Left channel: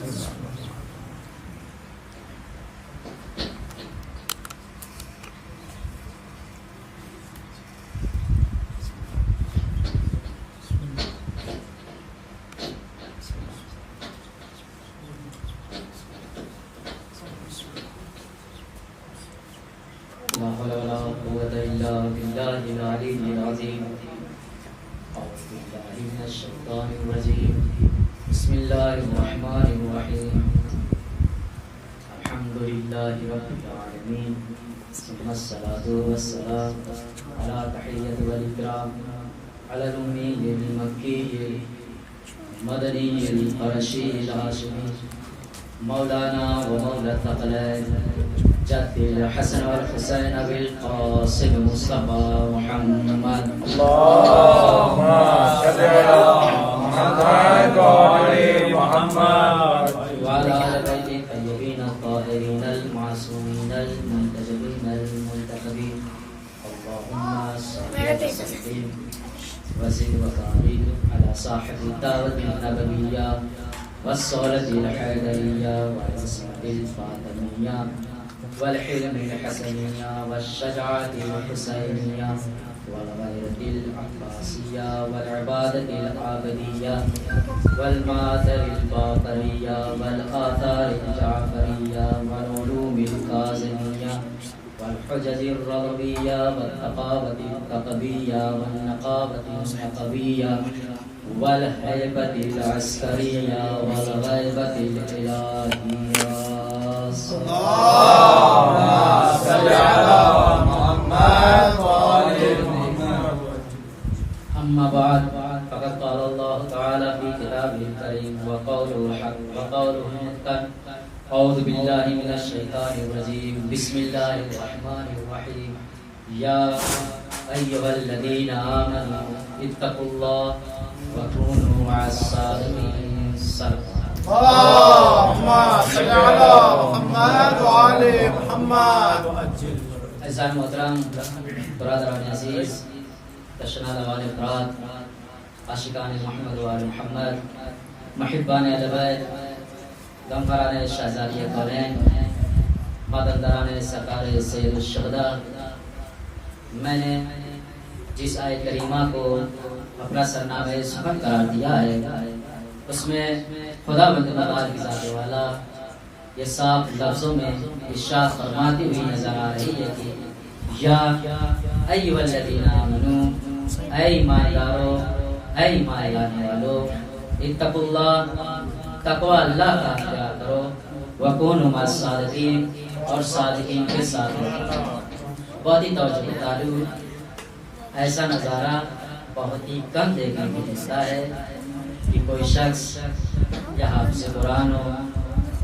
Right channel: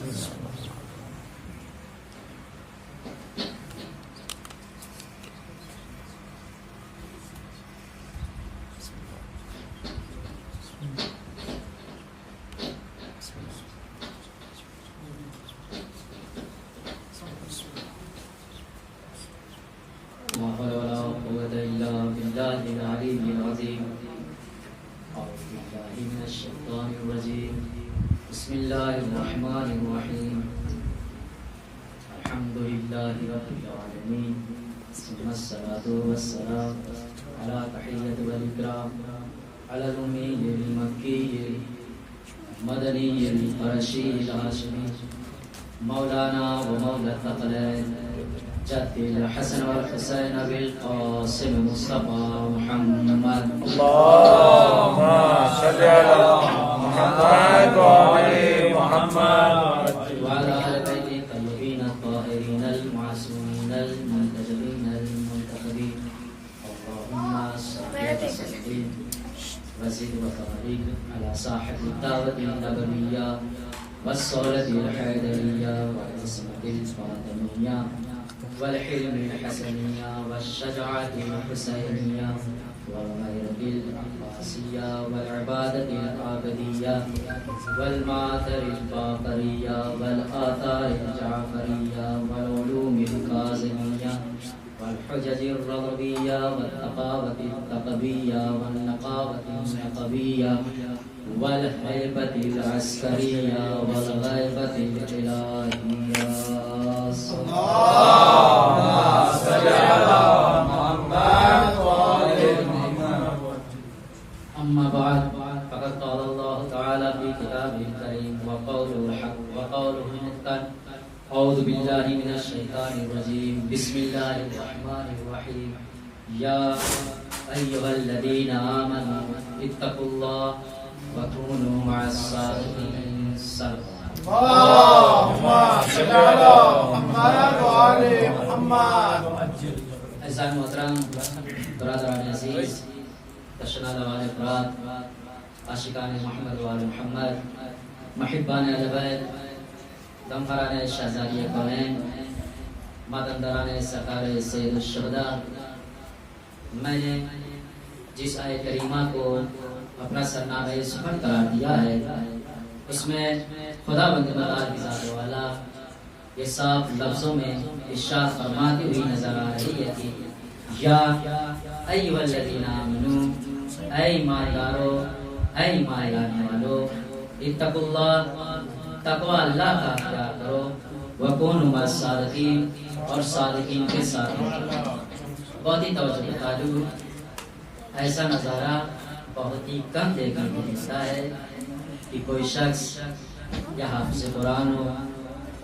لا حول ولا قوة إلا بالله العلي العظيم. أعوذ بالله من الشيطان الرجيم. بسم الله الرحمن الرحيم. الحمد لله رب العالمين، ثم الصلاة والسلام على تحية والإكرام على الأمي المكي المدني القرشي الهاشمي مولانا ومولى الثقلين جد الحسن والحسين أبي القاسم مصطفى محمد. اللهم صل على محمد وعلى محمد وعلى آل بيت الطيبين الطاهرين المعصومين المنتجبين المنتخبين. اللهم صل وسلم وزد وبارك على صاحب الدعوة النبوية والصولة الحيدرية والعصمة الفاطمية والحلم الحسنية والشجاعة الحسينية والغيرة العباسية والعبادة العابدية والمآثر الباقرية والآثار الجعفرية والعلوم الكاظمية والحجج الرضبية والثقافة الثقبية والنقابة النقبية والهيبة العسكرية والغيبة الإلهية. اللهم صل على محمد وعلى محمد. أما بعد، فقد قال الله تعالى في كتابه الكريم وقوله الحق وقوله المتقن. أعوذ بالله من الشيطان الرجيم. بسم الله الرحمن الرحيم. يا أيها الذين آمنوا اتقوا الله وكونوا مع الصادقين. اللهم صل على محمد وعلى محمد. عزیزان محترم، برادران عزیز، تشنا لوان افراد، عاشقان محمد وآل محمد، محبان اہل بیت، غمخواران شہزادی کونین، مادندران سرکار سید الشہداء، میں نے جس آیت کریمہ کو اپنا سرنامہ سخن قرار دیا ہے، اس میں خدا بند مدار کی ذات والا یہ صاف لفظوں میں ارشاد فرماتی ہوئی نظر آ رہی ہے کہ یا ایھا الذین آمنو، اے ایماندارو، اے ایمان لانے والو، اتقوا اللہ، تقوی اللہ کا اختیار کرو، وکونوا مع الصادقین، اور صادقین کے ساتھ رہو۔ بہت ہی توجہ بتا دوں، ایسا نظارہ بہت ہی کم دیکھنے کو ملتا ہے کہ کوئی شخص یا حافظ قرآن ہو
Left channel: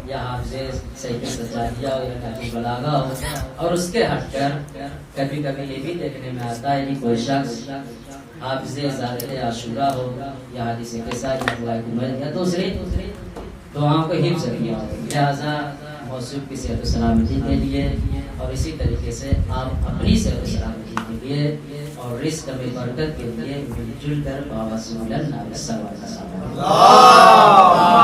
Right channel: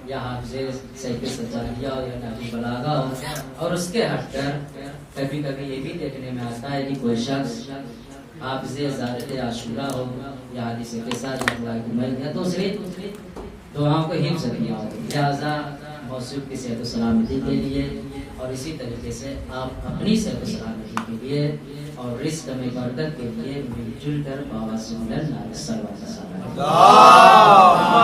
یا حافظ سیف سجادیہ ہو یا نہج بلاغہ ہو، اور اس کے ہٹ کر کبھی کبھی یہ بھی دیکھنے میں آتا ہے کہ کوئی شخص حافظ زیارت عاشورہ ہو یا حدیث قصہ یا دوسری دعاؤں کو حفظ کیا ہو۔ لہٰذا موصوف کی صحت و سلامتی کے لیے اور اسی طریقے سے آپ اپنی صحت و سلامتی کے لیے اور رزق میں برکت کے لیے مل جل کر بابا سے ملنا سرور کا ساتھ۔ اللهم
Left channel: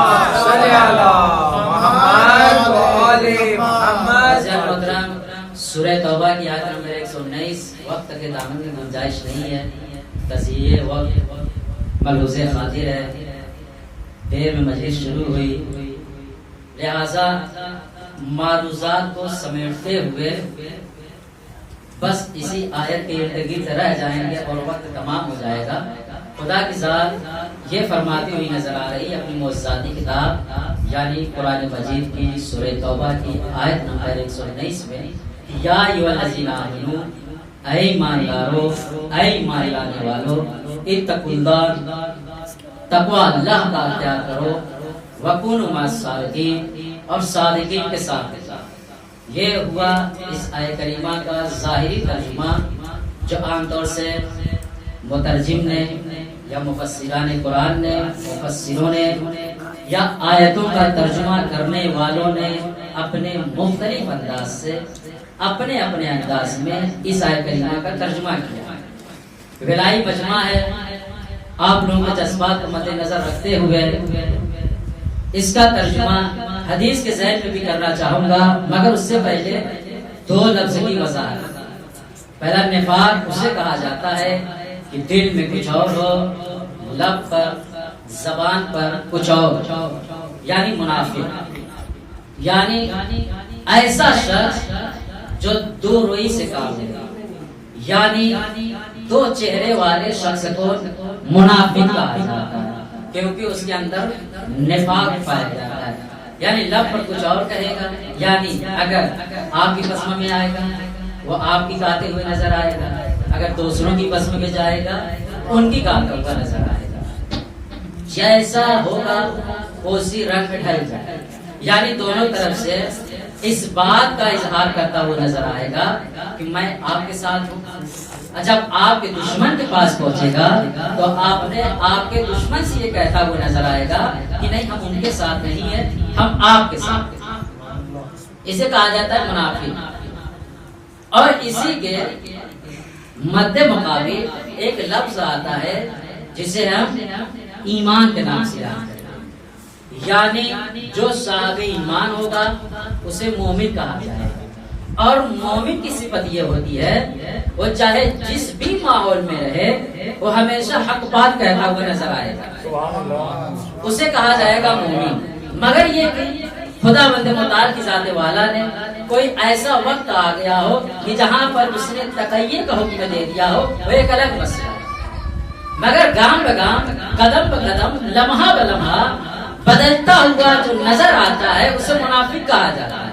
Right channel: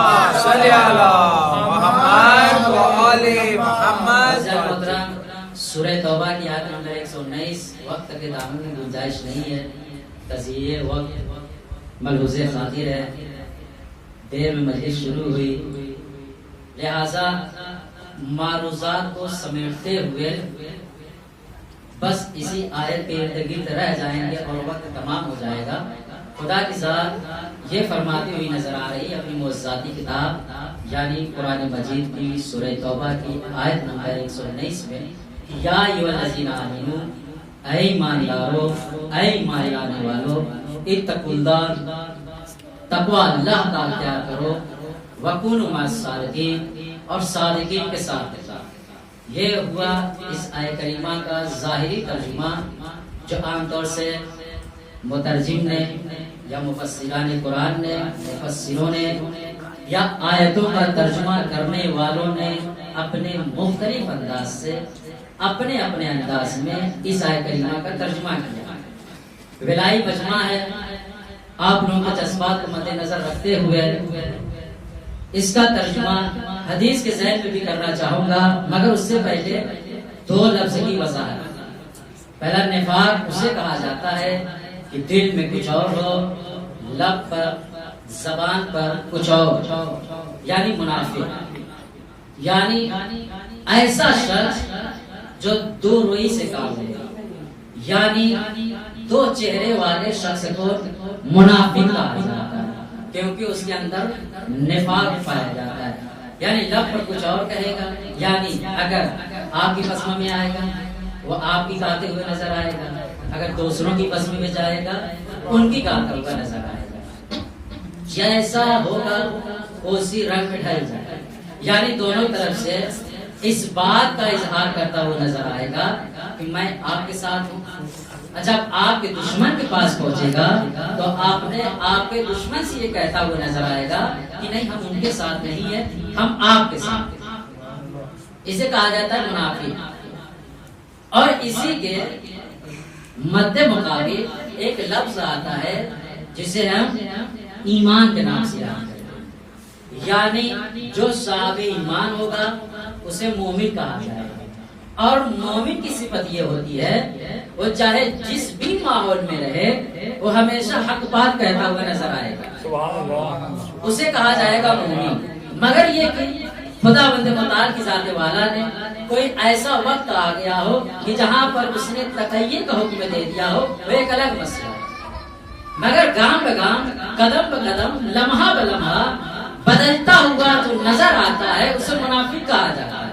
صل على محمد وعلى محمد. محترم، سورہ توبہ کی آیت نمبر 119، وقت کے دامن میں گنجائش نہیں ہے، تزیہ وقت ملحوظ خاطر ہے، دیر میں مجلس شروع ہوئی، لہذا معروضات کو سمیٹتے ہوئے بس اسی آیت کے ارد گرد رہ جائیں گے اور وقت تمام ہو جائے گا۔ خدا کی ذات یہ فرماتی ہوئی نظر آ رہی ہے اپنی معجزاتی کتاب یعنی قرآن مجید کی سورہ توبہ کی آیت نمبر 119 میں، یا ایھا الذین آمنو، اے ایماندارو، اے ایمان لانے والو، اتقوا اللہ، تقوی اللہ کا اختیار کرو، وکونوا مع الصادقین، اور صادقین کے ساتھ رہو۔ یہ ہوا اس آیت کریمہ کا ظاہری ترجمہ جو عام طور سے مترجم نے یا مفسران قرآن نے، مفسروں نے یا آیتوں کا ترجمہ کرنے والوں نے اپنے مختلف انداز سے اپنے اپنے انداز میں اس آیت کریمہ کا ترجمہ کیا۔ ولائی مجمع ہے، آپ لوگوں کے جذبات کو مد نظر رکھتے ہوئے اس کا ترجمہ حدیث کے ذہن میں بھی کرنا چاہوں گا، مگر اس سے پہلے دو لفظ کی وضاحت۔ پہلا نفاق اسے کہا جاتا ہے کہ دل میں کچھ اور ہو، لب پر زبان پر کچھ اور، یعنی منافق، یعنی ایسا شخص جو دو روئی سے کام لے، یعنی دو چہرے والے شخص کو منافق کہا جاتا ہے، کیونکہ اس کے اندر نفاق پایا جاتا ہے۔ یعنی لب پر کچھ اور کہے گا، یعنی اگر آپ کی قسم میں آئے گا وہ آپ کی گاتے ہوئے نظر آئے گا، اگر دوسروں کی قسم میں جائے گا ان کی گاتا ہوا نظر آئے گا، جیسا ہوگا اسی رنگ میں ڈھل جائے، یعنی دونوں طرف سے اس بات کا اظہار کرتا ہوا نظر آئے گا کہ میں آپ کے ساتھ ہوں۔ جب آپ کے دشمن کے پاس پہنچے گا تو آپ کے دشمن سے یہ کہتا ہوا نظر آئے گا کہ نہیں، ہم ان کے ساتھ نہیں ہیں، ہم آپ کے ساتھ ہیں۔ اسے کہا جاتا ہے منافق۔ اور اسی کے مد مقابل ایک لفظ آتا ہے جسے ہم ایمان کے نام سے یاد کرتے ہیں، یعنی جو صاحب ایمان ہوگا اسے مومن کہا جائے گا۔ اور مومن کی صفت یہ ہوتی ہے وہ چاہے جس بھی ماحول میں رہے وہ ہمیشہ حق بات کہتا ہوا نظر آئے گا، اسے کہا جائے گا مومن۔ مگر یہ کہ خدا بند متعال کی ذات والا نے کوئی ایسا وقت آ گیا ہو کہ جہاں پر اس نے تقیہ کا حکم دے دیا ہو، وہ ایک الگ مسئلہ ہے۔ مگر گام بگام، قدم بقدم، لمحہ بلمحہ بدلتا ہوا جو نظر آتا ہے اسے منافق کہا جاتا ہے۔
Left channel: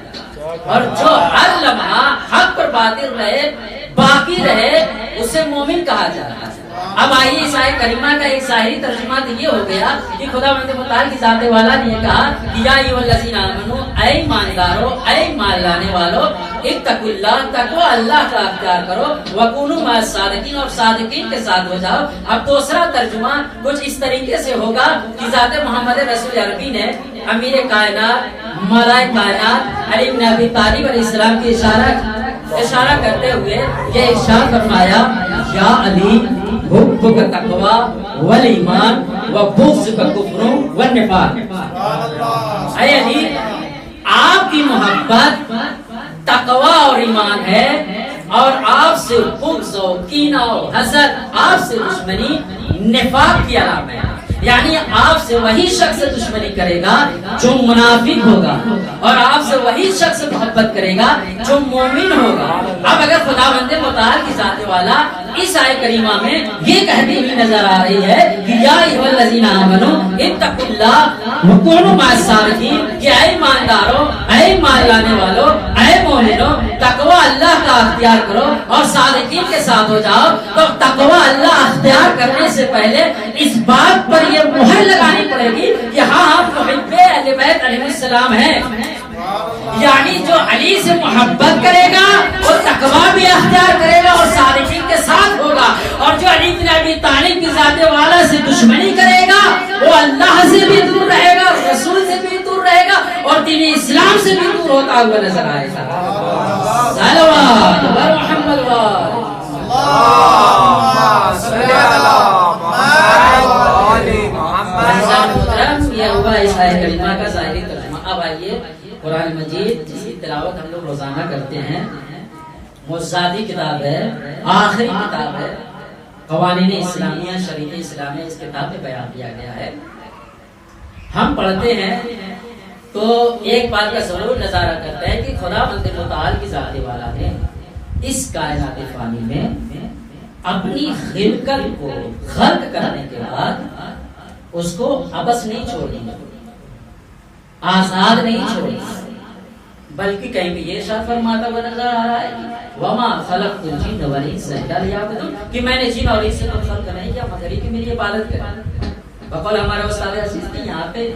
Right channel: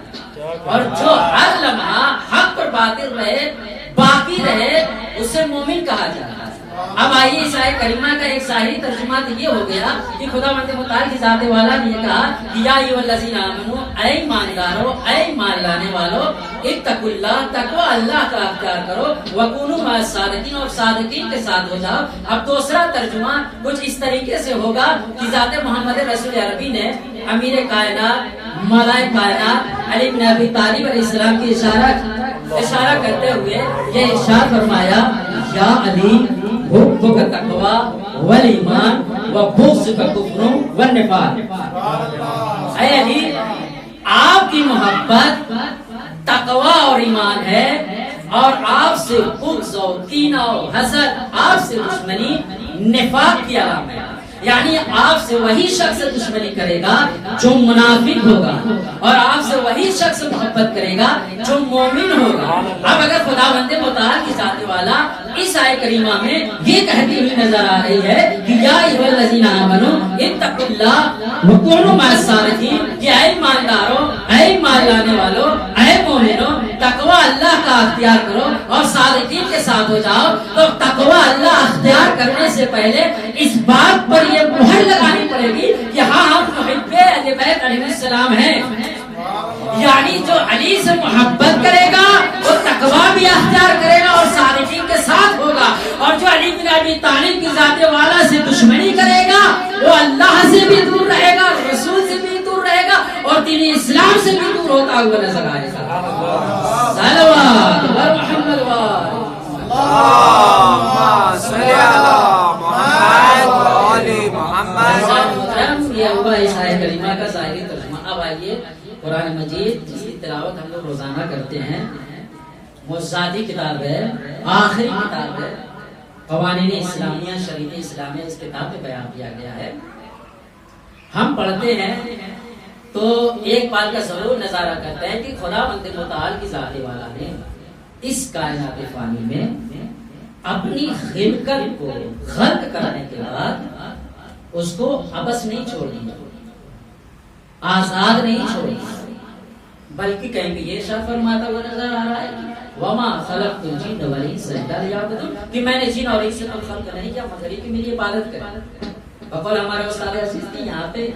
اور جو ہر لمحہ حق پر باطل رہے، باقی رہے، اسے مومن کہا جاتا ہے۔ اب آئیے اس آیت کریمہ کا ایک ظاہری ترجمہ تو یہ ہو گیا کہ خدا بند متعال کی ذات والا نے یہ کہا کہ یا ایھا الذین آمنو، اے ایماندارو، اے ایمان لانے والو، اتقوا اللہ، تقوی اللہ کا اختیار کرو، وکونوا مع الصادقین، اور صادقین کے ساتھ ہو جاؤ۔ اب دوسرا ترجمہ کچھ اس طریقے سے ہوگا کہ ذات محمد رسول عربی نے امیر کائنات، ملائے کائنات علی بن ابی طالب علیہ السلام کی اشارہ کرتے ہوئے یہ ارشاد فرمایا، یا علی حبک تقوی والایمان وبغضک کفر والنفاق۔ اے علی، آپ کی محبت تقوی اور ایمان ہے، اور آپ سے بغض و کینہ و حسد، آپ سے دشمنی نفاق کی علامت ہے۔ یعنی آپ سے وہی شخص دشمنی کرے گا جو منافق ہوگا، اور آپ سے وہی شخص محبت کرے گا جو مومن ہوگا۔ اب اگر خدا بند متعال کی ذات والا اس آیت کریمہ میں یہ کہتی ہوئی نظر آ رہی ہے کہ یا ایھا الذین آمنو اتقوا اللہ وکونوا مع الصادقین، کہ اے ایماندارو، اے ایمان لانے والو، اے مومنو، تقوی اللہ کا اختیار کرو اور صادقین کے ساتھ ہو جاؤ۔ تو تقوی اللہ اختیار کرنے سے پہلے اس بات پر یہ مہر لگانی پڑے گی کہ ہاں ہم محب اہل بیت علیہ السلام ہیں، یعنی جو علی سے محبت کرے گا وہ تقوی بھی اختیار کرے گا اور صادقین کے ساتھ ہوگا، اور جو علی بن ابی طالب کی ذات والا سے دشمنی کرے گا وہ اللہ سے بھی دور رہے گا، رسول سے بھی دور رہے گا، اور دین اسلام سے بھی دور ہوتا ہوا نظر آئے گا۔ صلوات بر محمد یہ ہوا اس آیت کریمہ کا ظاہری ترجمہ۔ اب آئیے قرآن مجید جس کی تلاوت ہم لوگ روزانہ کرتے ہیں، موضوعاتی کتاب ہے، آخری کتاب ہے، قوانین اسلامیہ، شریعہ اسلامیہ، اس کتاب میں بیان کیا گیا ہے۔ ہم پڑھتے ہیں تو ایک بات کا ضرور نظارہ کرتے ہیں کہ خدا بند متعال کی ذات والا نے اس کائنات فانی میں اپنی خلقت کو خلق کرنے کے بعد اس کو ابس نہیں چھوڑ دیا، آزاد نہیں چھوڑ دیا، بلکہ کہیں پہ یہ ارشاد فرماتا ہوا نظر آ رہا ہے وما خلقت الجن والانس الا لیعبدون، کہ میں نے جن اور انس کو خلق نہیں کیا مگر یہ کہ میری عبادت کریں۔ بقول ہمارے استاد عزیز کی یہاں پہ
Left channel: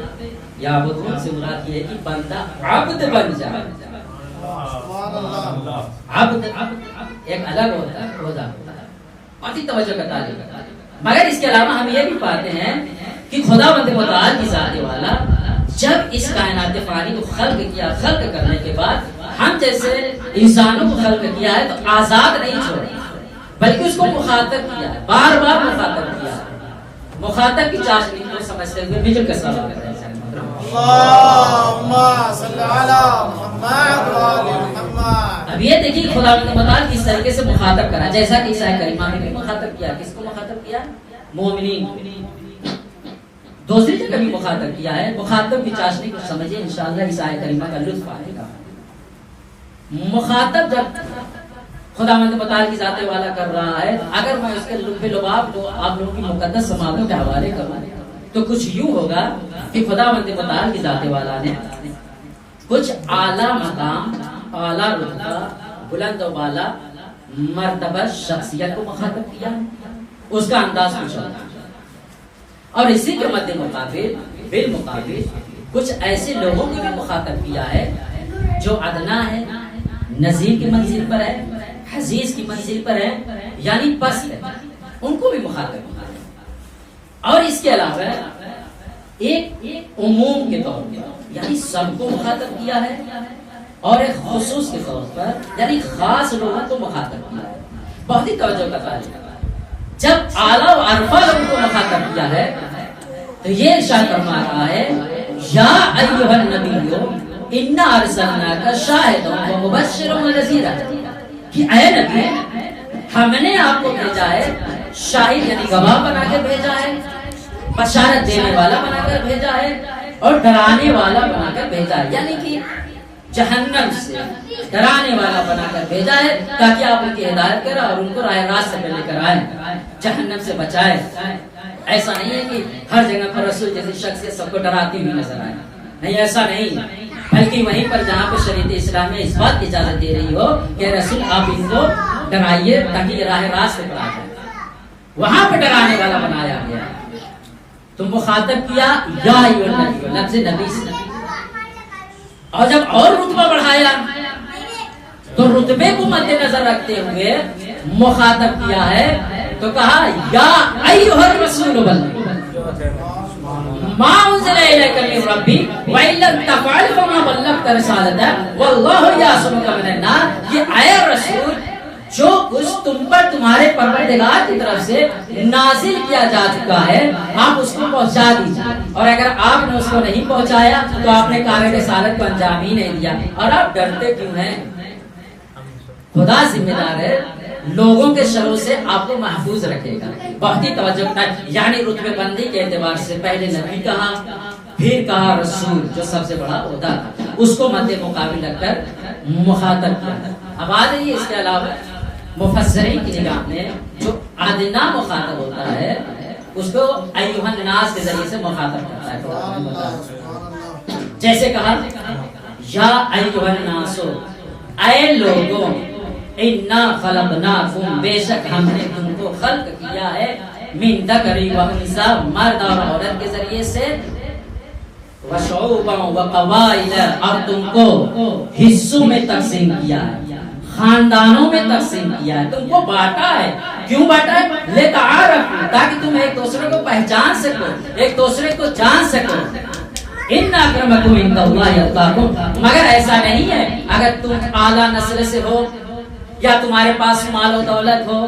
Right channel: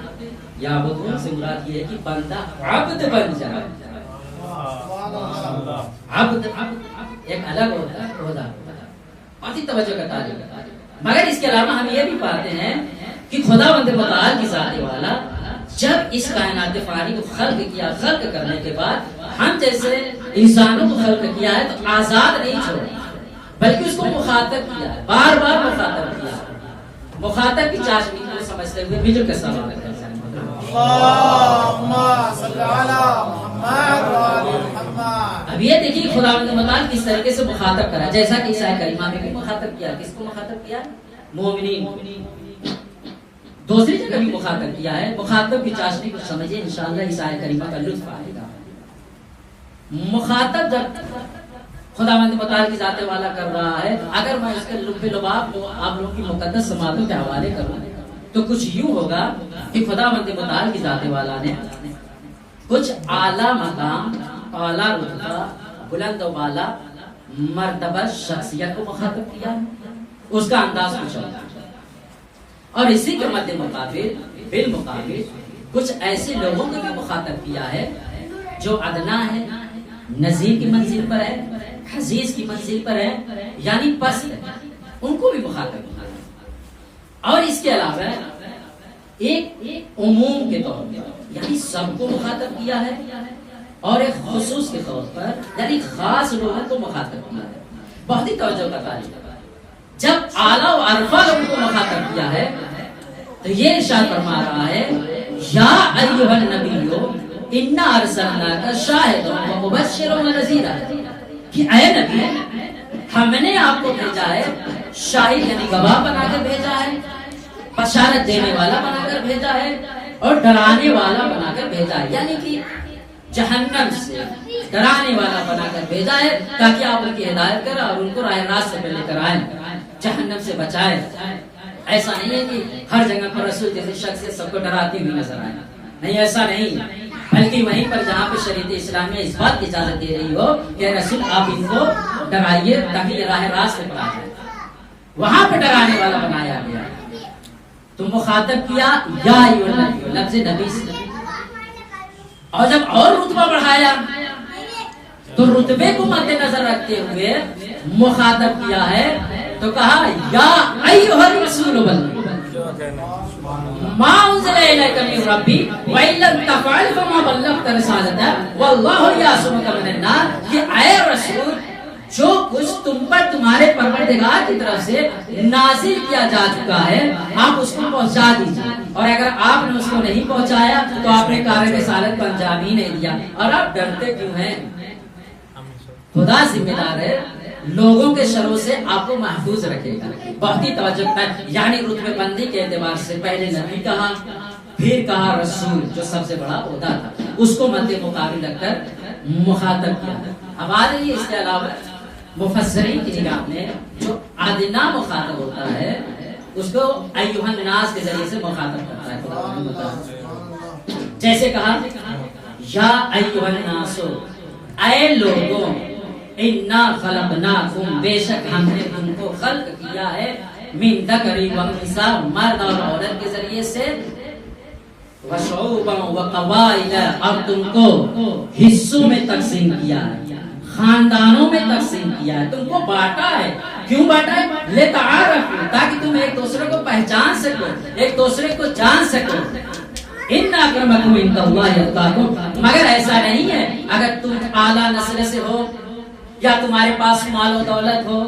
یعبدون سے مراد یہ ہے کہ بندہ عبد بن جائے۔ عبد ایک الگ ہوتا ہے، عہدہ ہوتا ہے، بہت ہی توجہ کا طالب ہے۔ مگر اس کے علاوہ ہم یہ بھی پاتے ہیں کہ خدا بند متعال کی ذات والا جب اس کائنات فانی کو خلق کیا، خلق کرنے کے بعد ہم جیسے انسانوں کو خلق کیا ہے تو آزاد نہیں چھوڑا، بلکہ اس کو مخاطب کیا ہے، بار بار مخاطب کیا ہے۔ مخاطب کی چاشنی کو سمجھتے ہوئے مجھے کا سوال کرتے ہیں اللهم صل على محمد وعلى محمد. اب یہ دیکھیے خدا متعال کس طریقے سے مخاطب کرا، جیسا کہ عیسیٰ کریمہ میں بھی مخاطب کیا. کس کو مخاطب کیا؟ مومنین کو. دوسری جگہ بھی مخاطب کیا ہے. مخاطب کی چاشنی کو سمجھے، انشاءاللہ عیسیٰ کریمہ کا لطف آئے گا. مخاطب جب خداوند متعال کی ذات والا کر رہا ہے، تو اگر میں اس کے لب لباب کو آپ لوگوں کی مقدس سماعتوں کے حوالے کروں تو کچھ یوں ہوگا کہ خداوند متعال کی ذات والا نے کچھ اعلیٰ مقام، اعلیٰ رتبہ، بلند و بالا مرتبہ شخصیت کو مخاطب کیا. اس کا انداز کچھ ہوگا. اور اسی کے مد مقابل بالمقابل کچھ ایسے لوگوں کو بھی مخاطب کیا ہے جو ادنا ہے، نظیر کی منزل پر ہے، حزیز کی منزل پر ہے، یعنی پست ہے. ان کو بھی مخاطب کیا. اور اس کے علاوہ ایک عموم کے طور پر یعنی سب کو مخاطب کیا ہے، اور ایک خصوص کے طور پر یعنی خاص لوگوں کو مخاطب کیا ہے. بہت ہی توجہ کا طالب ہے. جب اعلیٰ و عرفہ لوگوں کو مخاطب کیا ہے تو یہ ارشاد فرما رہا ہے یا ایھا النبی انا ارسلناک شاہدا و مبشرا و نذیرا، کہ اے نبی ہم نے آپ کو بھیجا ہے شاہد یعنی گواہ بنا کر بھیجا ہے، بشارت دینے والا بنا کر بھیجا ہے، اور ڈرانے والا بنا کر بھیجا ہے. یعنی کہ جہنم سے ڈرانے والا بنا کر بھیجا ہے تاکہ آپ ان کی ہدایت کریں اور ان کو راہ راست پہ لے کر آئیں، جہنم سے بچائیں. ایسا نہیں ہے کہ ہر جگہ پر رسول جیسی شخصیت سب کو ڈراتی ہوئی نظر آئے. نہیں، ایسا نہیں، بلکہ وہیں پر جہاں پہ شریعت اسلامیہ اس بات کی اجازت دے رہی ہو کہ رسول آپ ان کو ڈرائیے تاکہ یہ راہ راست پر آ جائے، وہاں پہ ڈرانے والا بنایا گیا. تم مخاطب کیا یا ایھا النبی، لفظ نبی سے. اور جب اور رتبہ بڑھایا تو رتبے کو مد نظر رکھتے ہوئے مخاطب کیا ہے تو کہا یا ایھا الرسول بلغ ما انزل الیک من ربک وان لم تفعل فما بلغت رسالتہ واللہ یعصمک من الناس. کہ اے رسول جو کچھ تم پر تمہارے پروردگار کی طرف سے نازل کیا جا چکا ہے آپ اس کو پہنچا دیجیے، اور اگر آپ نے اس کو نہیں پہنچایا تو آپ نے کار رسالت کو انجام ہی نہیں دیا. اور آپ ڈرتے کیوں ہیں؟ خدا ذمہ دار ہے، لوگوں کے شروں سے آپ کو محفوظ رکھے گا. بہت ہی توجہ ہے. یعنی رتبے بندی کے اعتبار سے پہلے نبی کہا، پھر کہا رسول جو سب سے بڑا عہدہ تھا، اس کو مد مقابل رکھ کر مخاطب کیا. اب آ رہی ہے اس کے علاوہ مفسرین کی نگاہ میں جو ادنا مخاطب ہوتا ہے اس کو ایھا الناس کے ذریعے سے مخاطب کرتا ہے. جیسے کہا یا ایھا الناس، اے لوگوں، انا خلقناکم، بے شک ہم نے تم کو خلق کیا ہے، من ذکر و انثی، مرد اور عورت کے ذریعے سے، وشعوبا وقبائل، اور تم کو حصوں میں تقسیم کیا ہے، خاندانوں میں تقسیم کیا ہے، تم کو بانٹا ہے. کیوں بانٹا ہے؟ لتعارفوا، تاکہ تم ایک دوسرے کو پہچان سکو، ایک دوسرے کو جان سکو. ان اکرمکم عند اللہ اتقاکم، مگر ایسا نہیں ہے اگر تم اعلیٰ نسل سے ہو یا تمہارے پاس مال و دولت ہو،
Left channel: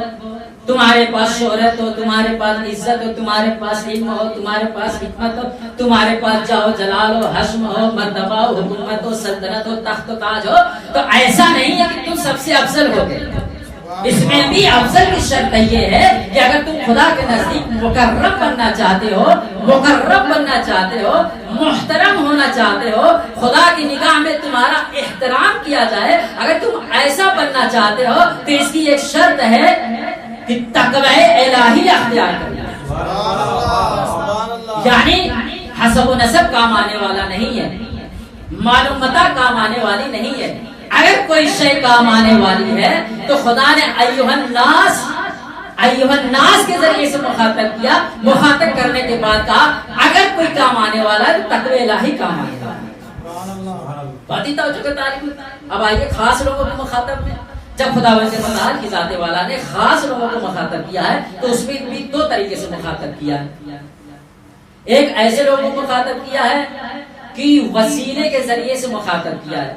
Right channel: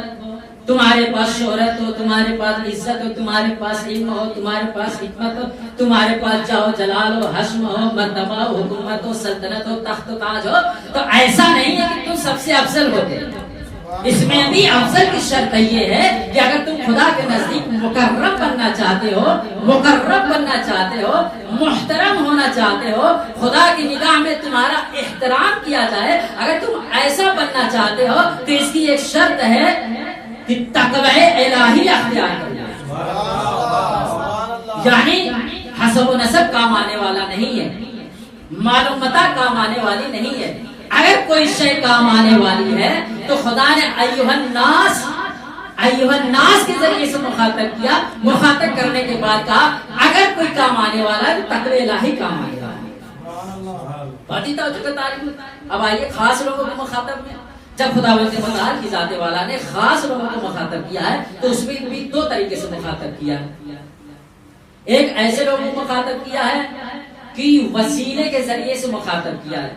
تمہارے پاس شہرت ہو، تمہارے پاس عزت ہو، تمہارے پاس علم ہو، تمہارے پاس حکمت ہو، تمہارے پاس جاہ و جلال ہو، حشم ہو، مرتبہ ہو، حکومت ہو، سلطنت ہو، تخت و تاج ہو، تو ایسا نہیں ہے کہ تم سب سے افضل ہو گئے. اس میں بھی افضل کی شرط یہ ہے کہ اگر تم خدا کے نزدیک مکرم بننا چاہتے ہو، مقرب بننا چاہتے ہو، محترم ہونا چاہتے ہو، خدا کی نگاہ میں تمہارا احترام کیا جائے، اگر تم ایسا بننا چاہتے ہو تو اس کی ایک شرط ہے کہ تقوی الہی اختیار کرنا. یعنی حسب و نسب کام آنے والا نہیں ہے، معلومات کام آنے والی نہیں ہے. اگر کوئی شے کام آنے والی ہے تو خدا نے ایھا الناس کے ذریعے سے مخاطب کیا. مخاطب کرنے کے بعد کہا اگر کوئی کام آنے والا ہے تو تقوی الہی کام آنے والا ہے. بات ہی توجہ کا تعلیم. اب آئیے خاص لوگوں کو مخاطب میں، جب خداوند متعال کی ذات والا نے خاص لوگوں کو مخاطب کیا ہے تو اس میں بھی دو طریقے سے مخاطب کیا ہے. ایک ایسے لوگوں کو مخاطب کیا ہے کہ وسیلے کے ذریعے سے مخاطب کیا ہے،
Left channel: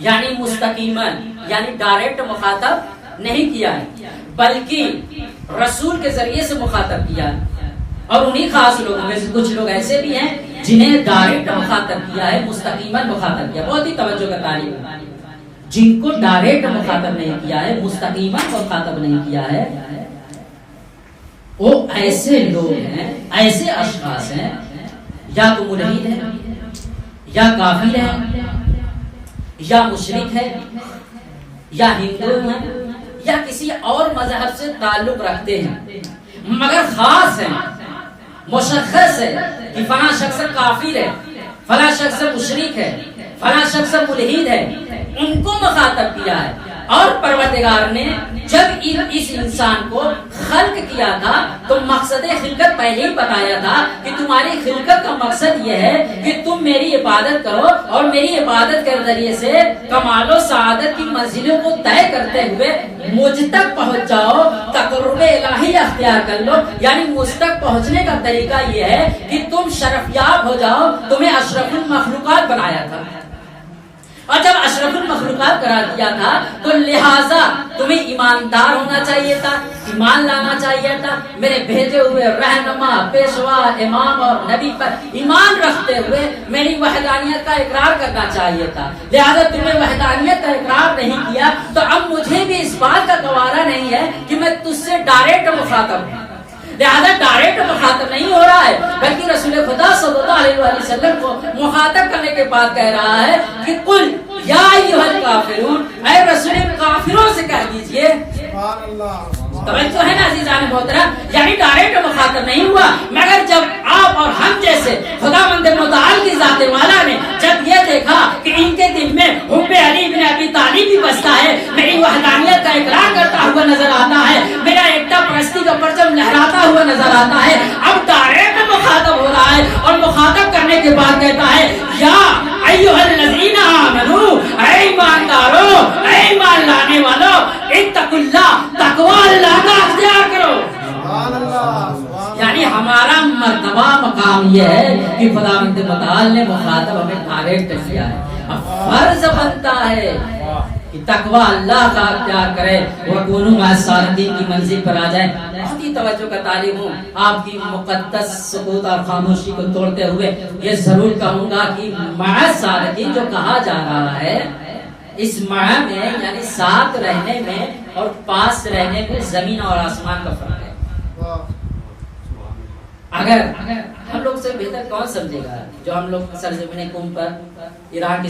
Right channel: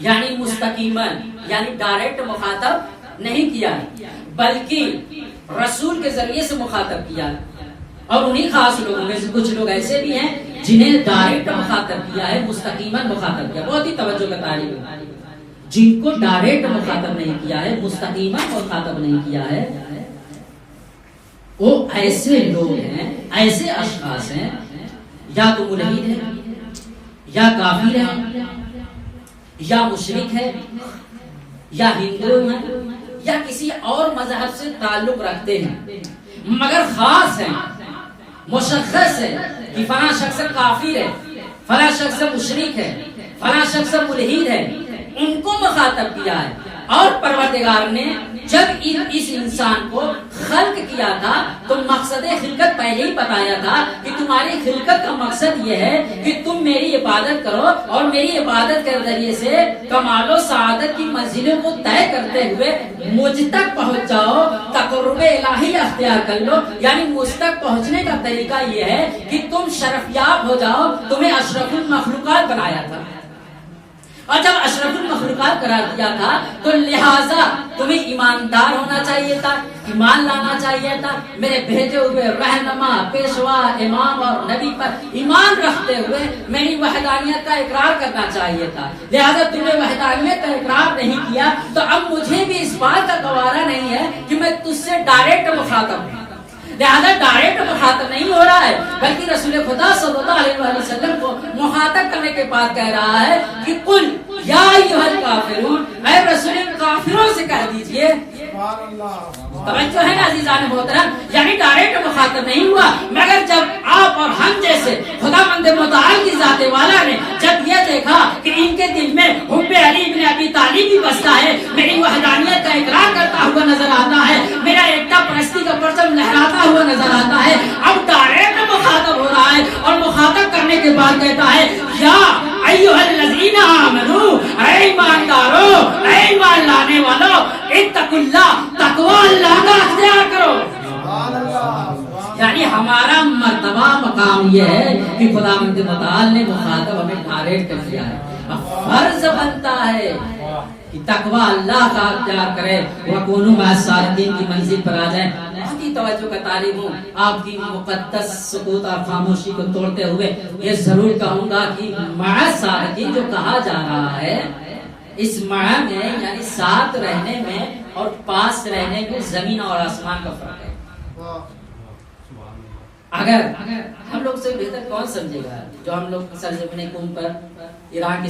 یعنی مستقیماً، یعنی ڈائریکٹ مخاطب نہیں کیا ہے، بلکہ رسول کے ذریعے سے مخاطب کیا ہے. اور انہی خاص لوگوں میں سے کچھ لوگ ایسے بھی ہیں جنہیں ڈائریکٹ مخاطب کیا ہے، مستقیماً مخاطب کیا. بہت ہی توجہ کا طالب ہے. جن کو ڈائریکٹ مخاطب نہیں کیا ہے، مستقیماً مخاطب نہیں کیا ہے، وہ ایسے لوگ ہیں، ایسے اشخاص ہیں، یا تو ملحد ہے، یا کافر ہے، یا مشرک ہے، یا ہندو ہے، یا کسی اور مذہب سے تعلق رکھتے ہیں، مگر خاص ہیں، مشخص ہے کہ فلاں شخص کافر ہے، فلاں شخص مشرک ہے، فلاں شخص ملحد ہے، ان کو مخاطب کیا ہے. اور پروردگار نے جب اس انسان کو خلق کیا تھا تو مقصد خلقت پہلے ہی بتایا تھا کہ تمہاری خلقت کا مقصد یہ ہے کہ تم میری عبادت کرو اور میری عبادت کے ذریعے سے کمال و سعادت کی منزلوں کو طے کرتے ہوئے مجھ تک پہنچ جاؤ، تقرب الہی اختیار کر لو. یعنی مجھ تک پہنچنے کا طریقہ یہ ہے کہ تم شرفیاب ہو جاؤ. تمہیں اشرف المخلوقات بنایا تھا، اور جب اشرف المخلوقات قرار دیا تھا تو لہٰذا تمہیں ایماندار ہونا چاہیے تھا، ایمان لانا چاہیے تھا، میرے بھیجے ہوئے رہنما، پیشوا، امام اور نبی پر ایمان رکھتے ہوئے میری وحدانیت کا اقرار کرنا چاہیے تھا. لہٰذا تمہیں وحدانیت کا اقرار نہیں کیا تو اب مجھے بھی اس بات کا گوارا نہیں ہے کہ میں تجھ سے ڈائریکٹ مخاطب ہوں. لہذا ڈائریکٹ مخاطب نہیں ہو رہا ہے، بلکہ رسول خدا صلی اللہ علیہ وسلم کو مخاطب کرنے کے بعد کہہ رہا ہے کہ قل یا ایھا الکافرون، اے رسول کافروں سے کہہ دیجئے. توجہ ہے نا عزیزان محترم، یعنی ڈائریکٹ مخاطب نہیں ہوا، مگر جب آپ اور ہم جیسے خداوند متعال کی ذات والا نے جب یہ دیکھا کہ ان کے دل میں حب علی بن ابی طالب بھی بستا ہے، میری وحدانیت کا اقرار کرتا ہوا نظر آتا ہے، میرا ایکتا پرستی کا پرچم لہراتا ہوا نظر آتا ہے، اب ڈائریکٹ مخاطب ہو رہا ہے. اور مخاطب کرنے کے بعد کہتا ہے یا ایھا الذین آمنو، اے ایماندارو، اے ایمان لانے والو، اتقوا اللہ، تقوی اللہ کا اختیار کرو. یعنی ہمارا مرتبہ مقام یہ ہے کہ خداوند متعال نے مخاطب ہمیں ڈائریکٹ کیا ہے. اب فرض بنتا ہے کہ تقوی اللہ کا اختیار کرے، وَكُونُوا مَعَ الصَّادِقِينَ کی منزل پر آ جائیں. بہت ہی توجہ کا طالب ہوں، آپ کی مقدس سکوت اور خاموشی کو توڑتے ہوئے یہ ضرور کہوں گا کہ مع الصادقین جو کہا جا رہا ہے، اس مع میں یعنی ساتھ رہنے میں اور پاس رہنے میں زمین اور آسمان کا فرق ہے. اگر ہم لوگ سے بہتر کون سمجھے گا جو ہم لوگ سرزمین قوم پر ایران کی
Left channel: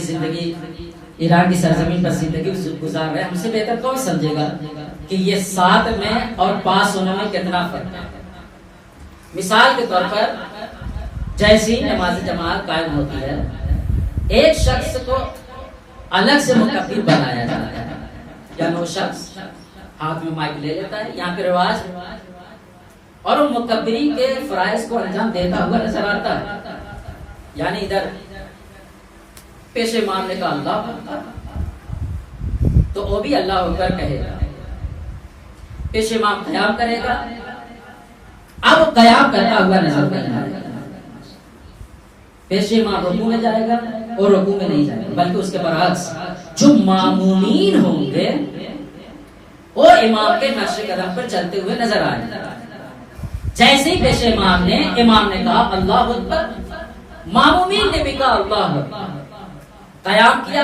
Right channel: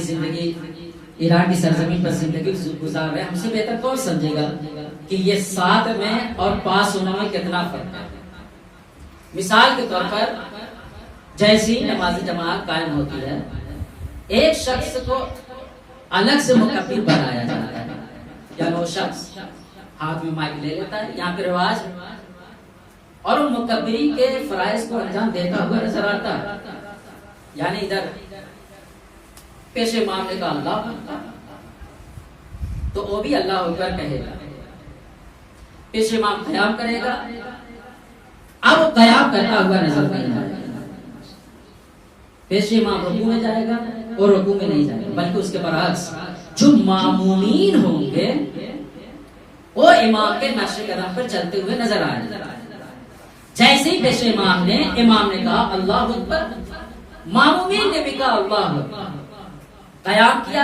سرزمین پر زندگی گزار رہے ہیں، ہم سے بہتر کون سمجھے گا کہ یہ ساتھ میں اور پاس ہونے میں کتنا فرق ہے. مثال کے طور پر جیسی نماز جماعت قائم ہوتی ہے، ایک شخص کو الگ سے مکبر بنایا جاتا ہے، یعنی وہ شخص ہاتھ میں مائک لے لیتا ہے، یہاں پہ رواج، اور وہ مکبری کے فرائض کو انجام دیتا ہوا نظر آتا ہے. یعنی ادھر پیش امام نے کہا اللہ اکبر تو وہ بھی اللہ اکبر کہے گا، پیش امام قیام کرے گا، اب وہ قیام کرتا ہوا نظر نہیں آئے گا. پیش امام رکوع میں جائے گا اور رکوع میں نہیں جائے گا، بلکہ اس کے برعکس جو مامومین ہوں گے وہ امام کے نقش قدم پر چلتے ہوئے نظر آئے گا. جیسے ہی پیش امام نے کہا اللہ اکبر، مامومین نے بھی کہا اللہ اکبر، قیام کیا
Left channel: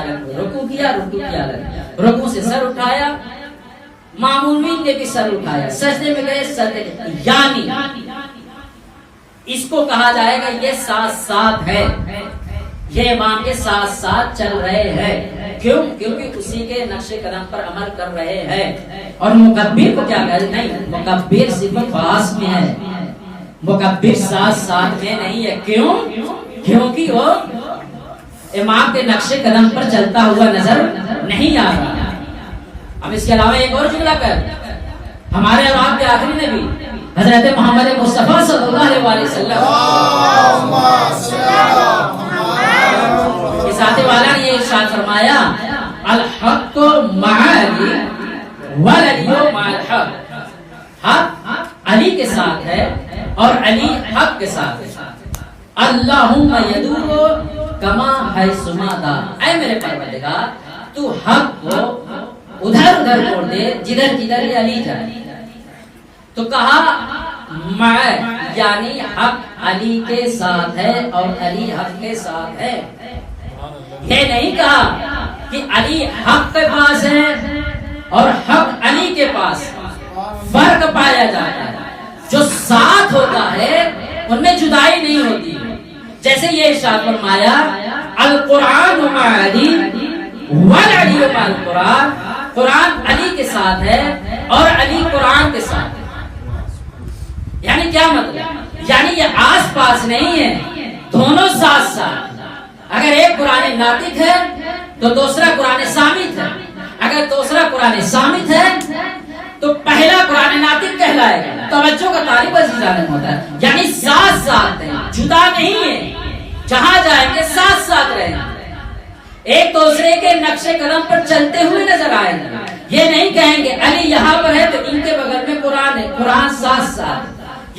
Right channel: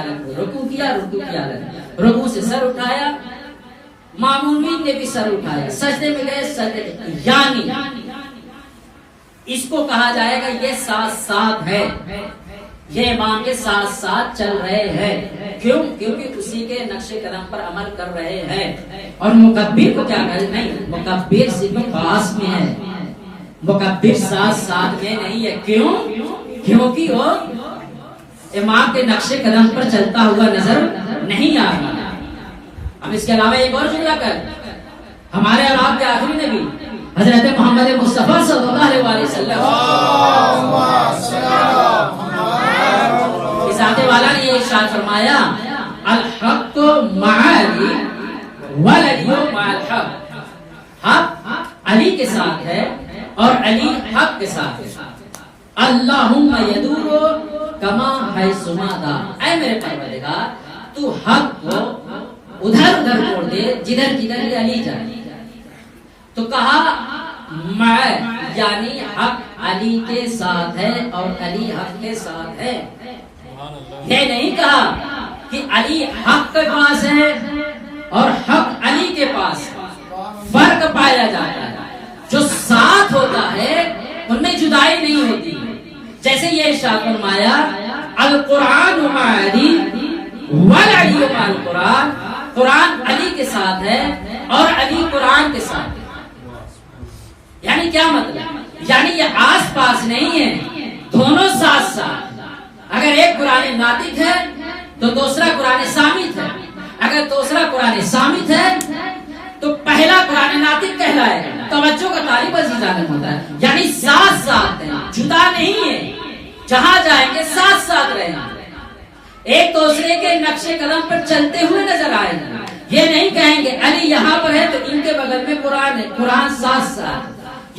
الگ، رکوع کیا الگ، رکوع سے سر اٹھایا، مامومین نے بھی سر اٹھایا، سجدے میں گئے سجدے کے، یعنی اس کو کہا جائے گا یہ ساتھ ساتھ ہے، یہ امام کے ساتھ ساتھ چل رہے ہیں. کیوں؟ کیونکہ اسی کے نقش قدم پر عمل کر رہے ہیں. اور مکبر کو کیا کہا؟ نہیں، مکبر صرف پاس میں ہے، مکبر ساتھ ساتھ میں نہیں ہے. کیوں؟ کیونکہ وہ امام کے نقش قدم پر چلتا ہوا نظر نہیں آ رہا. اب اس کے علاوہ ایک اور جملہ کر، ہمارے اور آپ کے آخری نبی حضرت محمد مصطفیٰ صلی اللہ علیہ وسلم ذات والا نے یہ ارشاد فرمایا الحق مع علی والعلی مع الحق، حق علی کے ساتھ ہے اور علی حق کے ساتھ ہے. اللہم یدور کما حیثما دار، اے میرے پروردگار تو حق کو ادھر ادھر موڑ دے جدھر جدھر یہ علی جائے. تو کہا مع یعنی حق علی کے ساتھ ہے اور علی حق کے ساتھ ہے. یہ نہیں کہا کہ علی حق کے پاس ہے اور حق علی کے پاس. فرق پایا جاتا ہے. جو ساتھ ہوتا ہے ان میں جدائی نہیں ہوتی. جیسے یہ ارشاد فرمایا القرآن مع علی والعلی مع القرآن. قرآن علی کے ساتھ ہے اور علی قرآن کے ساتھ ہے. یعنی کیا مطلب؟ یعنی یہ آس پاس نہیں ہے، دونوں ساتھ ساتھ. اگر ایک قرآن ناطق ہے تو دوسرا قرآن صامت ہے. اگر دوسرا قرآن صامت ہے تو پہلا قرآن ناطق کہلائے گا. توجہ کا طالب عزیزان ہوتا ہے. یعنی ساتھ ساتھ ہیں، جدا نہیں ہے. جہاں جائیں گے ساتھ ساتھ رہیں گے، ایک دوسرے کے نقش قدم پر چلتے ہوئے نظر آئیں گے. یہ نہیں کہیں گے علی یہاں پر ہے تو ان کے بغل میں قرآن ہے، قرآن ساتھ ساتھ.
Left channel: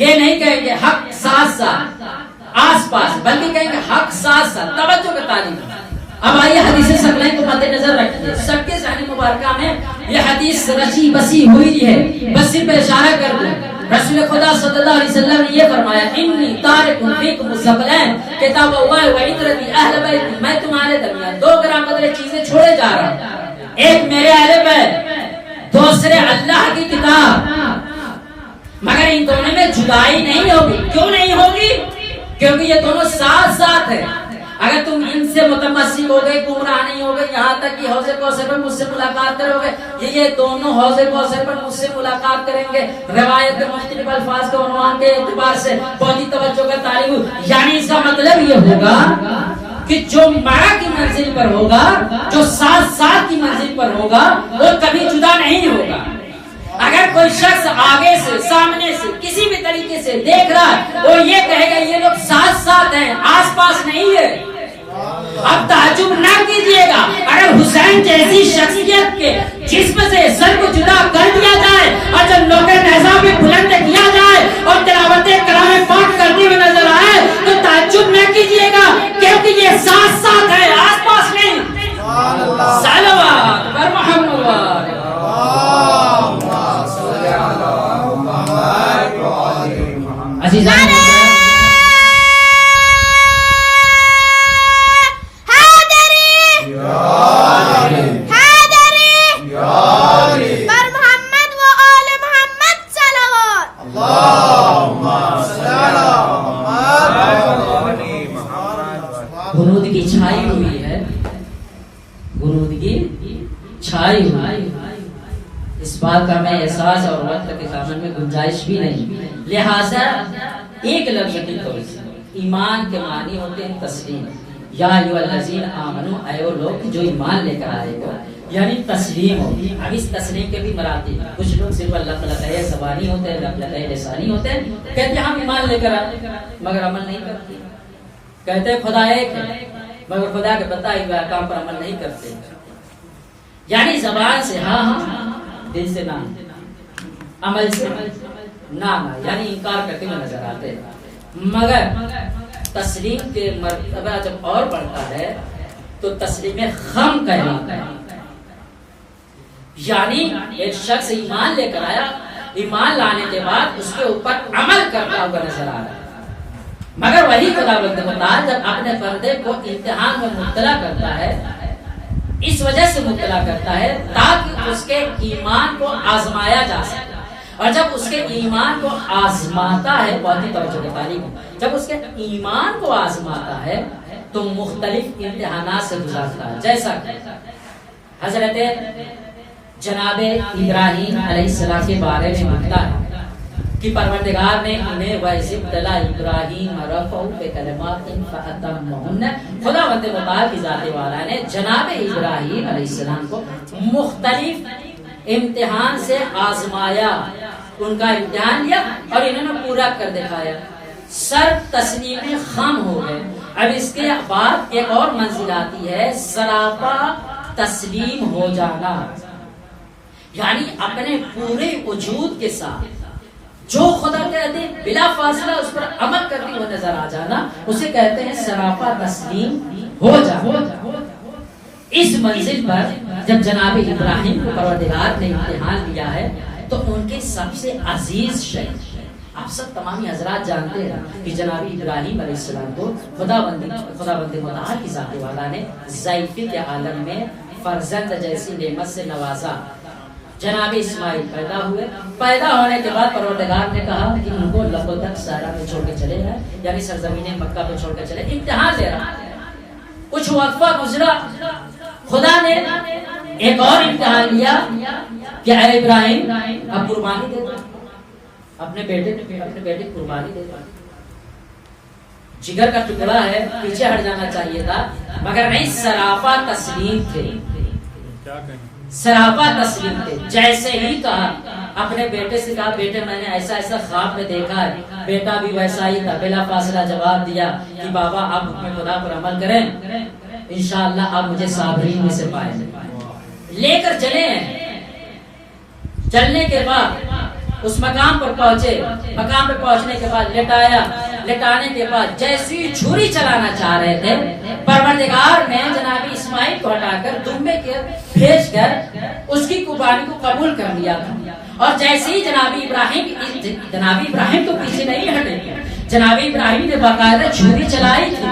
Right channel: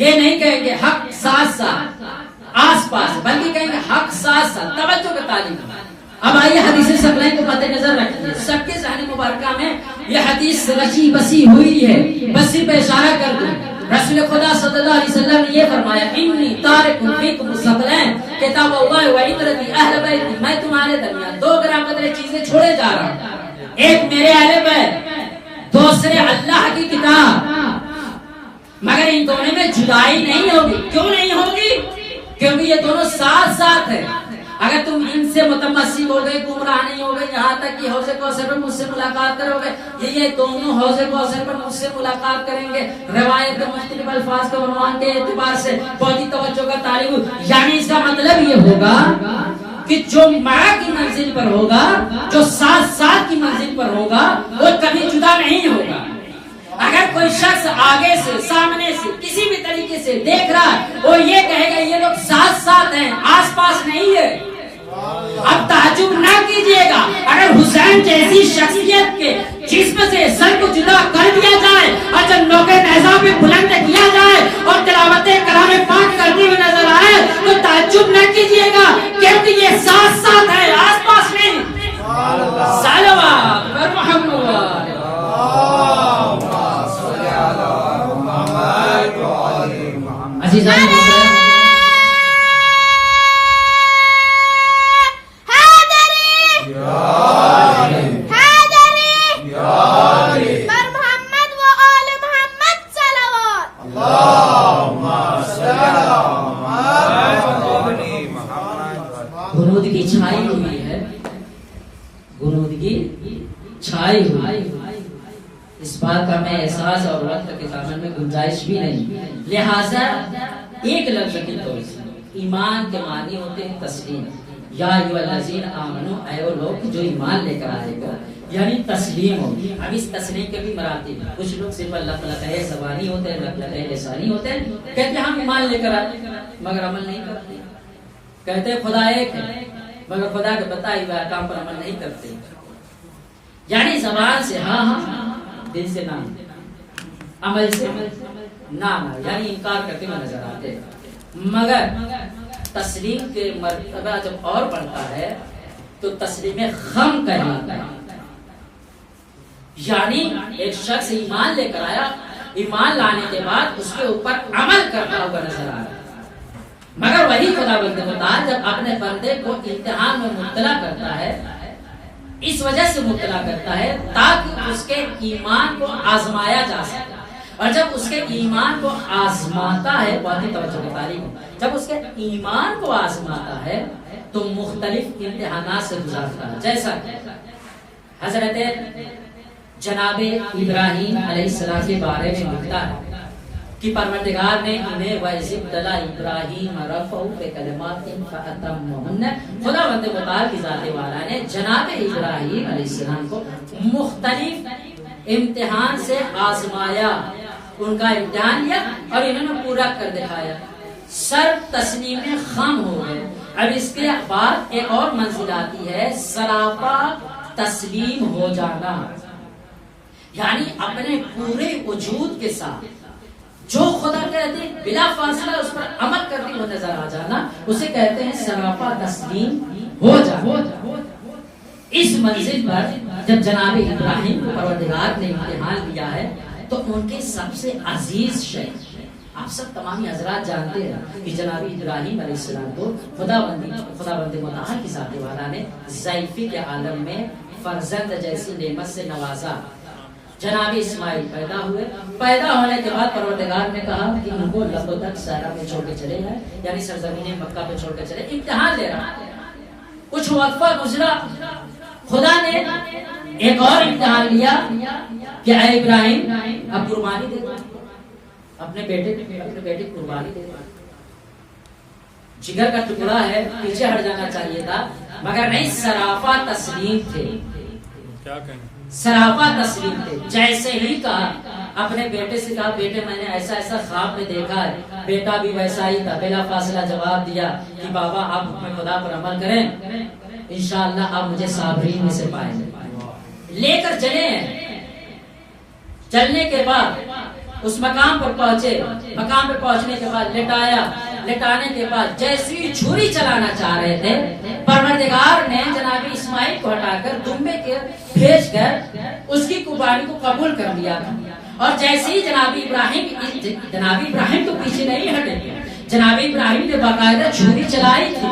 یہ نہیں کہیں گے حق ساتھ ساتھ آس پاس، بلکہ کہیں گے حق ساتھ ساتھ. توجہ کا تعلیم. اب آئیے حدیث ثقلین کو مد نظر رکھیے. سب کے ذہن مبارکہ میں یہ حدیث رچی بسی ہوئی ہے. بس صرف اشارہ کر دوں. رسول خدا صلی اللہ علیہ وسلم نے یہ فرمایا انی تارک فیکم الثقلین کتاب اللہ و عترتی اہل بیت. میں تمہارے درمیان دو گرامدر چیزیں چھوڑے جا رہا ہوں. ایک میرے اہل بیت، دوسرے اللہ کی کتاب. مگر ان دونوں میں جدائی نہیں ہوگی. کیوں نہیں ہوگی؟ کیونکہ یہ دونوں ساتھ ساتھ ہیں. اگر تم ان سے متمسک ہو گئے، گمراہ نہیں ہو گئے، یہاں تک کہ حوض کوثر پر مجھ سے ملاقات کرو گے، یہ دونوں حوض کوثر پر مجھ سے ملاقات کریں گے. روایت کے مختلف الفاظ کے عنوان کے اعتبار سے بہت ہی توجہ کا طالب. یعنی اس کا مطلب یہ ہوگا کہ جو مع کی منزل پر ہوگا، جو ساتھ ساتھ کی منزل پر ہوگا، وہ کبھی جدا نہیں ہوگا. اگر کوئی شخص آگے سے، سامنے سے، کسی بھی طریقے سے دیکھ رہا ہے، وہ یہ کہے گا یہ لوگ ساتھ ساتھ ہیں، آس پاس نہیں ہے. اب تعجب نہ کیجیے گا اگر حسین جیسی شخصیت کے جسم سے سر کو جدا کر دیا جائے اور جب نوک نیزہ پہ بلند کیا جائے اور تلاوت کلام پاک کرتے ہوئے نظر آئے تو تعجب نہ کیجیے گا، کیونکہ یہ ساتھ ساتھ ہے، آس پاس نہیں. صلوات بر محمد. عزیزان غنودگی چھائی ہوئی ہے، غنودگی چھائی ہوئی. اس بات کا میں احساس اور وقت کے دامن میں گنجائش بھی نہیں. لہذا ایک لفظ کی طور سے ایمان کے معنی ہوتے ہیں تسلیم. یا ایھا الذین آمنو، اے وہ لوگ جو ایمان لے کر آئے ہو، یعنی تسلیم ہو. اب اس تسلیم کے بھی مراتب. کچھ لوگ صرف لفظ زبانی ہوتے ہیں، لفظ لسانی ہوتے ہیں، کہتے ہیں ہم ایمان لے کر آئے مگر عمل نہیں کرتے. کہتے ہیں خدا ایک ہے مگر خدا کے بتائے ہوئے احکام پر عمل نہیں کرتے. یعنی زبان سے ہاں ہاں، دل سے نہ، عمل سے نہ، یعنی انکار کرتے ہوئے نظر آتے. مگر تسلیم کے مرتبہ جب اور بڑھتا ہے تو تسلیم خم کہلاتا ہے. یعنی ایک شخص ایمان لے کر آیا، ایمان لانے کے بعد اس کے اوپر عمل کرتا ہوا نظر آ رہا ہے. مگر وہی خداوند متعال جب اپنے بندے کو امتحان میں مبتلا کرتا ہے، اس وجہ سے مبتلا کرتا ہے تاکہ اس کے ایمان کو آزمایا جا سکے. اور جب اس کے ایمان کو آزماتا ہے، بہت ہی توجہ کی تعلیم، جب اس کے ایمان کو آزماتا ہے تو مختلف امتحانات سے گزارتا ہے. جیسا کہ حضرت جناب ابراہیم علیہ السلام کے بارے میں لکھتا ہے کہ پروردگار نے انہیں وَإِذِ ابْتَلَىٰ إِبْرَاهِيمَ رَبُّهُ بِكَلِمَاتٍ فَأَتَمَّهُنَّ. خداوند متعال کی ذات والا نے جناب ابراہیم علیہ السلام کو مختلف امتحان سے آزمایا، ان کا امتحان لیا اور انہوں نے پورا کر دکھایا. سر تسلیم خم ہو گئے. اب اس کے بعد ایک اور منزل آتی ہے سراپا تسلیم ہو جانا، یعنی اپنے پورے وجود کے ساتھ جو خدا کہتے ہیں بلا فاصلہ اس پر عمل کرتے ہوئے نظر آ جانا، اسے کہتے ہیں سراپا تسلیم ہو جانا. اس منزل پر جب جناب ابراہیم کو پروردگار نے امتحان لیا ہے تو ان کے سب سے عزیز شے آپ سب تمامی حضرات جانتے ہیں کہ جناب ابراہیم علیہ السلام کو خداوند متعال کی ذات والا نے ضعیفی کے عالم میں فرزند جیسی نعمت سے نوازا. جناب اسماعیل پیدا ہوئے. پیدا ہونے کے بعد پروردگار نے کہا کہ ان کو لبدک صحرا میں چھوڑ کے چلے جائیں، یعنی سرزمین مکہ پہ چھوڑ کے چلے. امتحان لے رہا. کچھ وقفہ گزرا، خدا نے ایک اور امتحان لیا کہ اے ابراہیم اب قربانی دے دو، اپنے بیٹے قربانی دے دو. جگر کا ٹکڑا ہے، پیچھے ہٹ جانا چاہیے تھا، مگر نہیں، سراپا تسلیم تھے. سراپا تسلیم تھے. جیسے ہی کہا، اپنے بیٹے سے کہا بیٹے میں نے ایسا ایسا خواب میں دیکھا ہے. بیٹا بھی ویسا ہی تھا، بلا فاصلہ جواب دیا کہ بابا آپ حکم خدا پر عمل کریں، انشاءاللہ آپ مجھے صابرین میں سے پائیں. لے کر چلے ہیں. چلنے کے بعد اس مقام پر پہنچے. مقام پر پہنچنے کے بعد لٹایا. لٹانے کے بعد جیسی چھری چلانا چاہ رہے تھے، پروردگار نے جناب اسماعیل کو ہٹا کر دمبے کے بھیج کر اس کی قربانی کو قبول کر لیا تھا. اور جیسے ہی جناب ابراہیم تو پیچھے نہیں ہٹے، جناب ابراہیم نے باقاعدہ چھری چلائی تھی.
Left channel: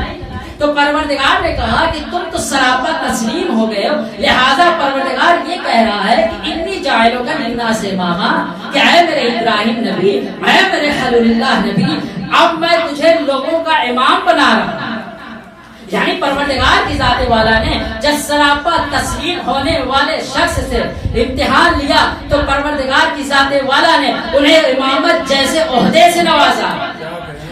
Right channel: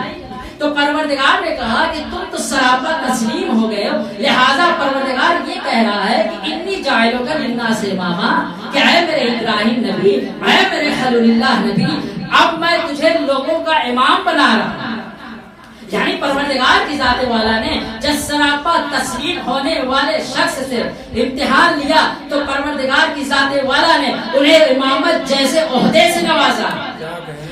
تو پروردگار نے کہا کہ تم تو سراپا تسلیم ہو گئے ہو، لہذا پروردگار یہ کہہ رہا ہے کہ انی جاعلوں کا للناس اماما، کہ اے میرے ابراہیم نبی، اے میرے خلیل اللہ نبی، اب میں تجھے لوگوں کا امام بنا رہا ہوں. یعنی پروردگار کی ذات والا نے جب سراپا تسلیم ہونے والے شخص سے امتحان لیا تو پروردگار کی ذات والا نے انہیں امامت جیسے عہدے سے نوازا.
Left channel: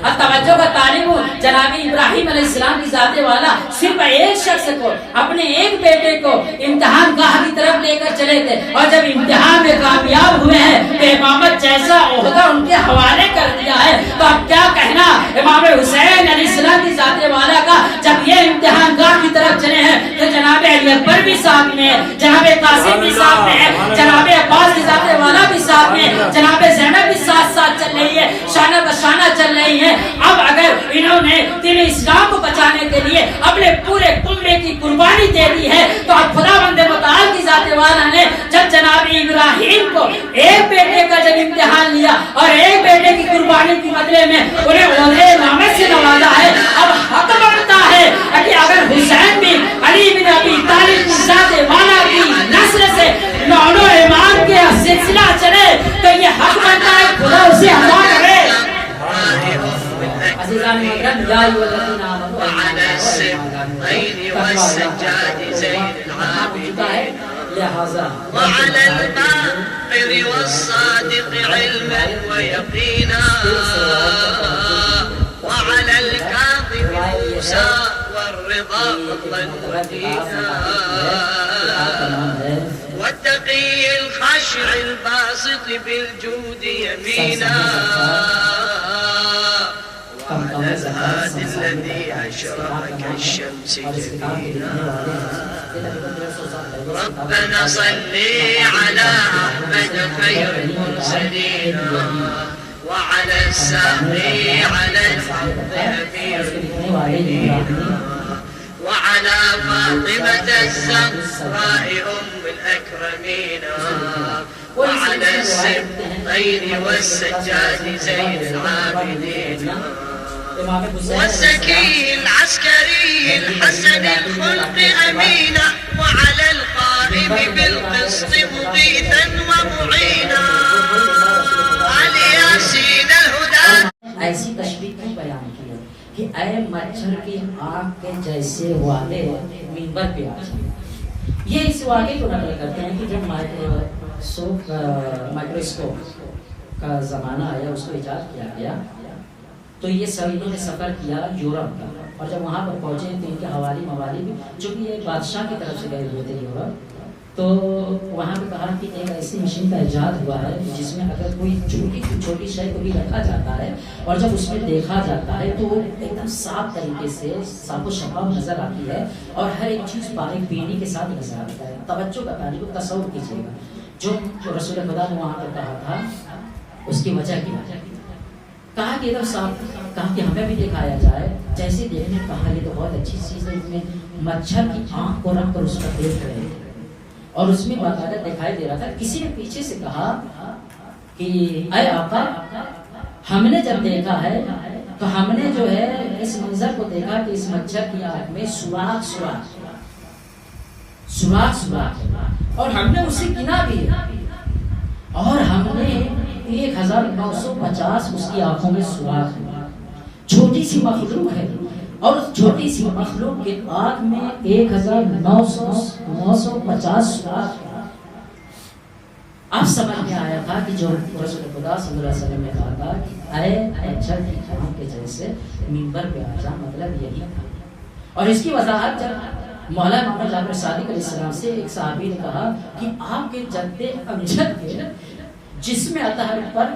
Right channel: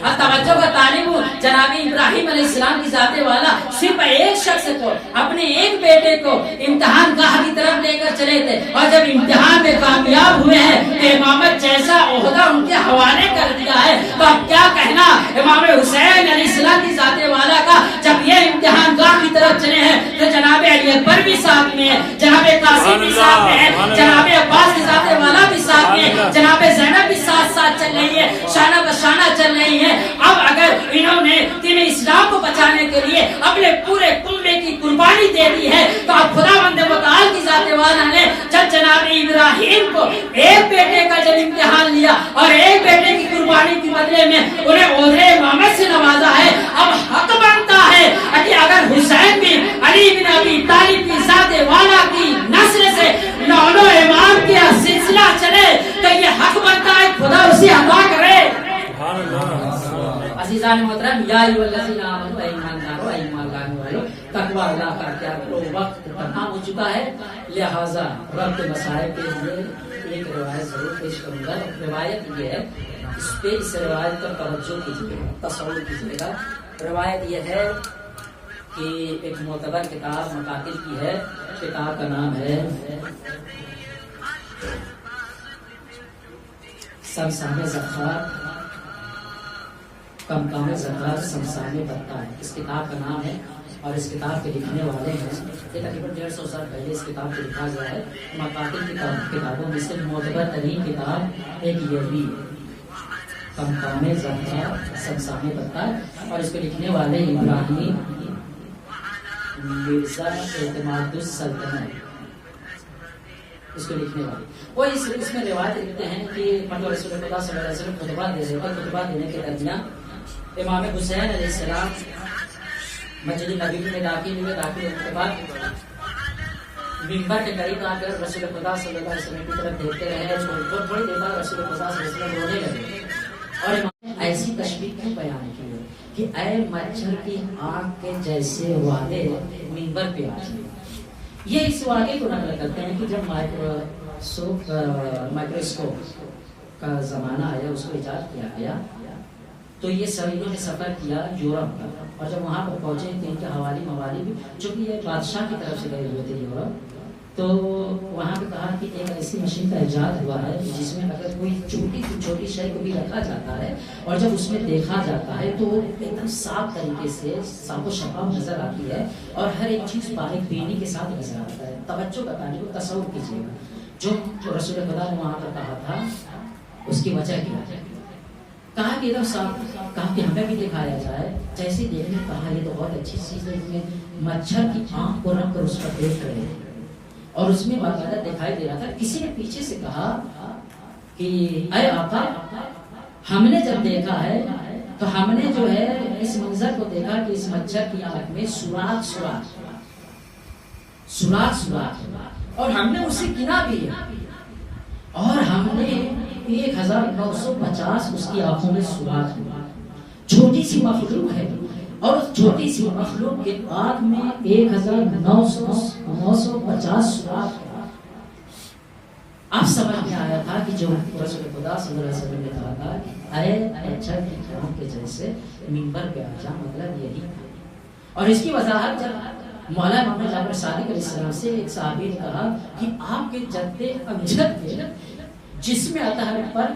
اب توجہ کا طالب ہوں، جناب ابراہیم علیہ السلام کی ذات والا صرف ایک شخص کو، اپنے ایک بیٹے کو امتحان گاہ کی طرف لے کر چلے تھے، اور جب امتحان میں کامیاب ہوئے ہیں تو امامت جیسا عہدہ ان کے حوالے کر دیا ہے. تو اب کیا کہنا امام حسین علیہ السلام کی ذات والا کا، جب یہ امتحان گاہ کی طرف چلے ہیں تو جناب علی اکبر بھی ساتھ میں ہے، جناب قاسم بھی ساتھ میں ہے، جناب عباس کی ذات والا بھی ساتھ میں ہے، جناب زینب بھی ساتھ ساتھ چل رہی ہے، شانہ بشانہ چل رہی ہے. اب اگر انہوں نے دین اسلام کو بچانے کے لیے اپنے پورے کنبے کی قربانی دے دی ہے تو اب خداوند متعال کی ذات والا نے جب جناب ابراہیم کو ایک بیٹے کا جب امتحان لیا اور ایک بیٹے کی قربانی کے بدلے میں انہیں عہدے امامت سے نوازا ہے، اب حق بنتا ہے کہ اگر حسین بھی علی بن ابی طالب کی ذات والا کی نسل سے نونو امام کے سلسلہ چلے تو یہ حق بنتا ہے خدا اسے عطا کرے. عزیزان محترم، یا ایھا الذین آمنوا ایمان لانو تقوی اللہ تعالی کو وقت ختم ہو چکا ہے، لہذا روایت یہ ہے کہ ایک معتبر کتاب متعلق کی ہے، کتاب کا نام ہے کم زکات سمسانی برتا ہے. اس کتاب کا نام ہے اور اس کتاب کے لکھنے والے ہیں یہ تقریباً 150 سال پہلے اس کتاب کو لکھا گیا ہے. اور اس کے لکھنے والے وہ اس میں روایت کرتے ہیں امام حسین علیہ ایسی تشبیہ کیوں بیان کی ہے کہ اے مچھر کی آنکھ کے جیسے والے منبر پہ آ جائیں. یہ اس واقعے کو نقل کرتے ہیں کہ جب مائکروسکوپ کا زمانہ آیا، اس کو ایجاد کیا گیا، تو یہ انہوں نے سفر کیا یورپ کا، اور جب وہاں پر پہنچے تو ان کے حوالی موالی بھی، چونکہ یہ بادشاہ کی طرف سے گئے ہوئے تھے یورپ، تو وہاں پہ کہا کہ ایک ایسی مشین کا ایجاد ہوا ہے جس میں اگر کوئی چھوٹی سے چھوٹی شے کو بھی رکھا جاتا ہے اور جب اس میں دیکھا جاتا ہے تو ایک دم صاف طریقے سے صاف و شفاف نظر آتی ہے اور ہر ایک چیز باریک بینی کے ساتھ نظر آتا ہے. توجہ کا طالب کو تصور کیجیے گا جو رسول خدا نے وہاں پر کہا تھا اس کی وجہ کیا ہے. کہا کہ ادھر صاف، کہا کہ ہمیں بھی دکھایا جائے. جیسے دیکھنے کہا یہ تو بہت اچھی چیز ہے، اس میں مچھر کی آنکھ کو رکھ کر اس پر دیکھ رہے تھے اور اس میں باقاعدہ دکھائی دے رہا تھا. کسی نے پیچھے سے کہا کہ اے آقا ہم نے جب دیکھا ہے تو ہم نے جو ہے اس منظر کو دیکھا کہ اس مچھر کی آنکھ میں سوراخ اور ہم نے اسے گنا بھی اور ہم نے 1950 اس کی آنکھوں میں سوراخ ہے. چھوٹی سی مخلوق ہے اور اس چھوٹی سی مخلوق کے آنکھ میں 1950 سوراخ ہے. اب سمجھ میں آیا تھا کہ جو رسول خدا صلی اللہ علیہ وسلم نے کہا تھا کہ اے مچھر کی آنکھ کے جیسے منبر پہ آ جا، مطلب یہی تھا. اور اس کی وضاحت جب مولا امام جعفر صادق علیہ السلام سے ایک صحابی نے کہا کہ آپ کے جد امجد کے جسم اطہر پر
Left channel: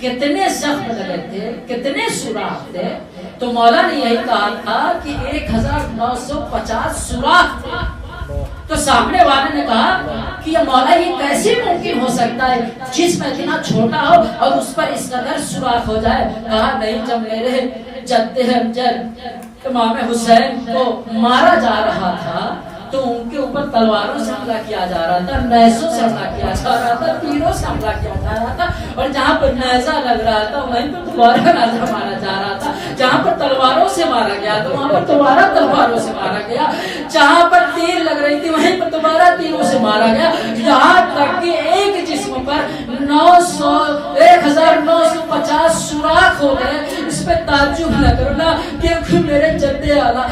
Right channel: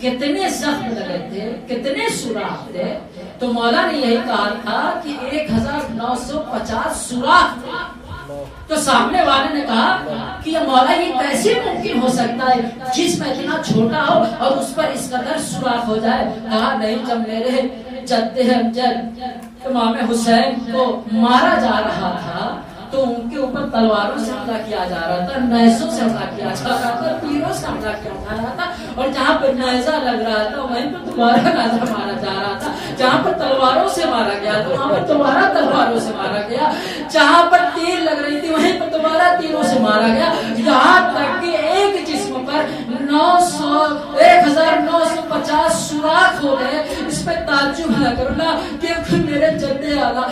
کتنے زخم لگے تھے، کتنے سوراخ تھے، تو مولا نے یہی کہا تھا کہ 1950 سوراخ تھے. تو سامنے والے نے کہا کہ یہ مولا یہ کیسے ممکن ہو سکتا ہے جسم اتنا چھوٹا ہو اور اس پر اس قدر سوراخ ہو جائے. کہا نہیں، جب میرے جد امجد امام حسین کو مارا جا رہا تھا تو ان کے اوپر تلواروں سے حملہ کیا جا رہا تھا، نیزوں سے حملہ کیا جا رہا تھا، تیروں سے حملہ کیا جا رہا تھا، اور جہاں پر نیزہ لگ رہا تھا وہیں پر دوبارہ نیزہ مارا جا رہا تھا، جہاں پر تلواروں سے مارا گیا تو وہاں پر دوبارہ تلواروں سے مارا گیا، جہاں پر تیر لگ رہی تھی وہیں پر دوبارہ تیروں سے مارا گیا، یہاں تک کہ ایک جسم پر 1950 سوراخ ہو گئے. اس پہ تعجب نہ کرنا کہ میرے جد اعلیٰ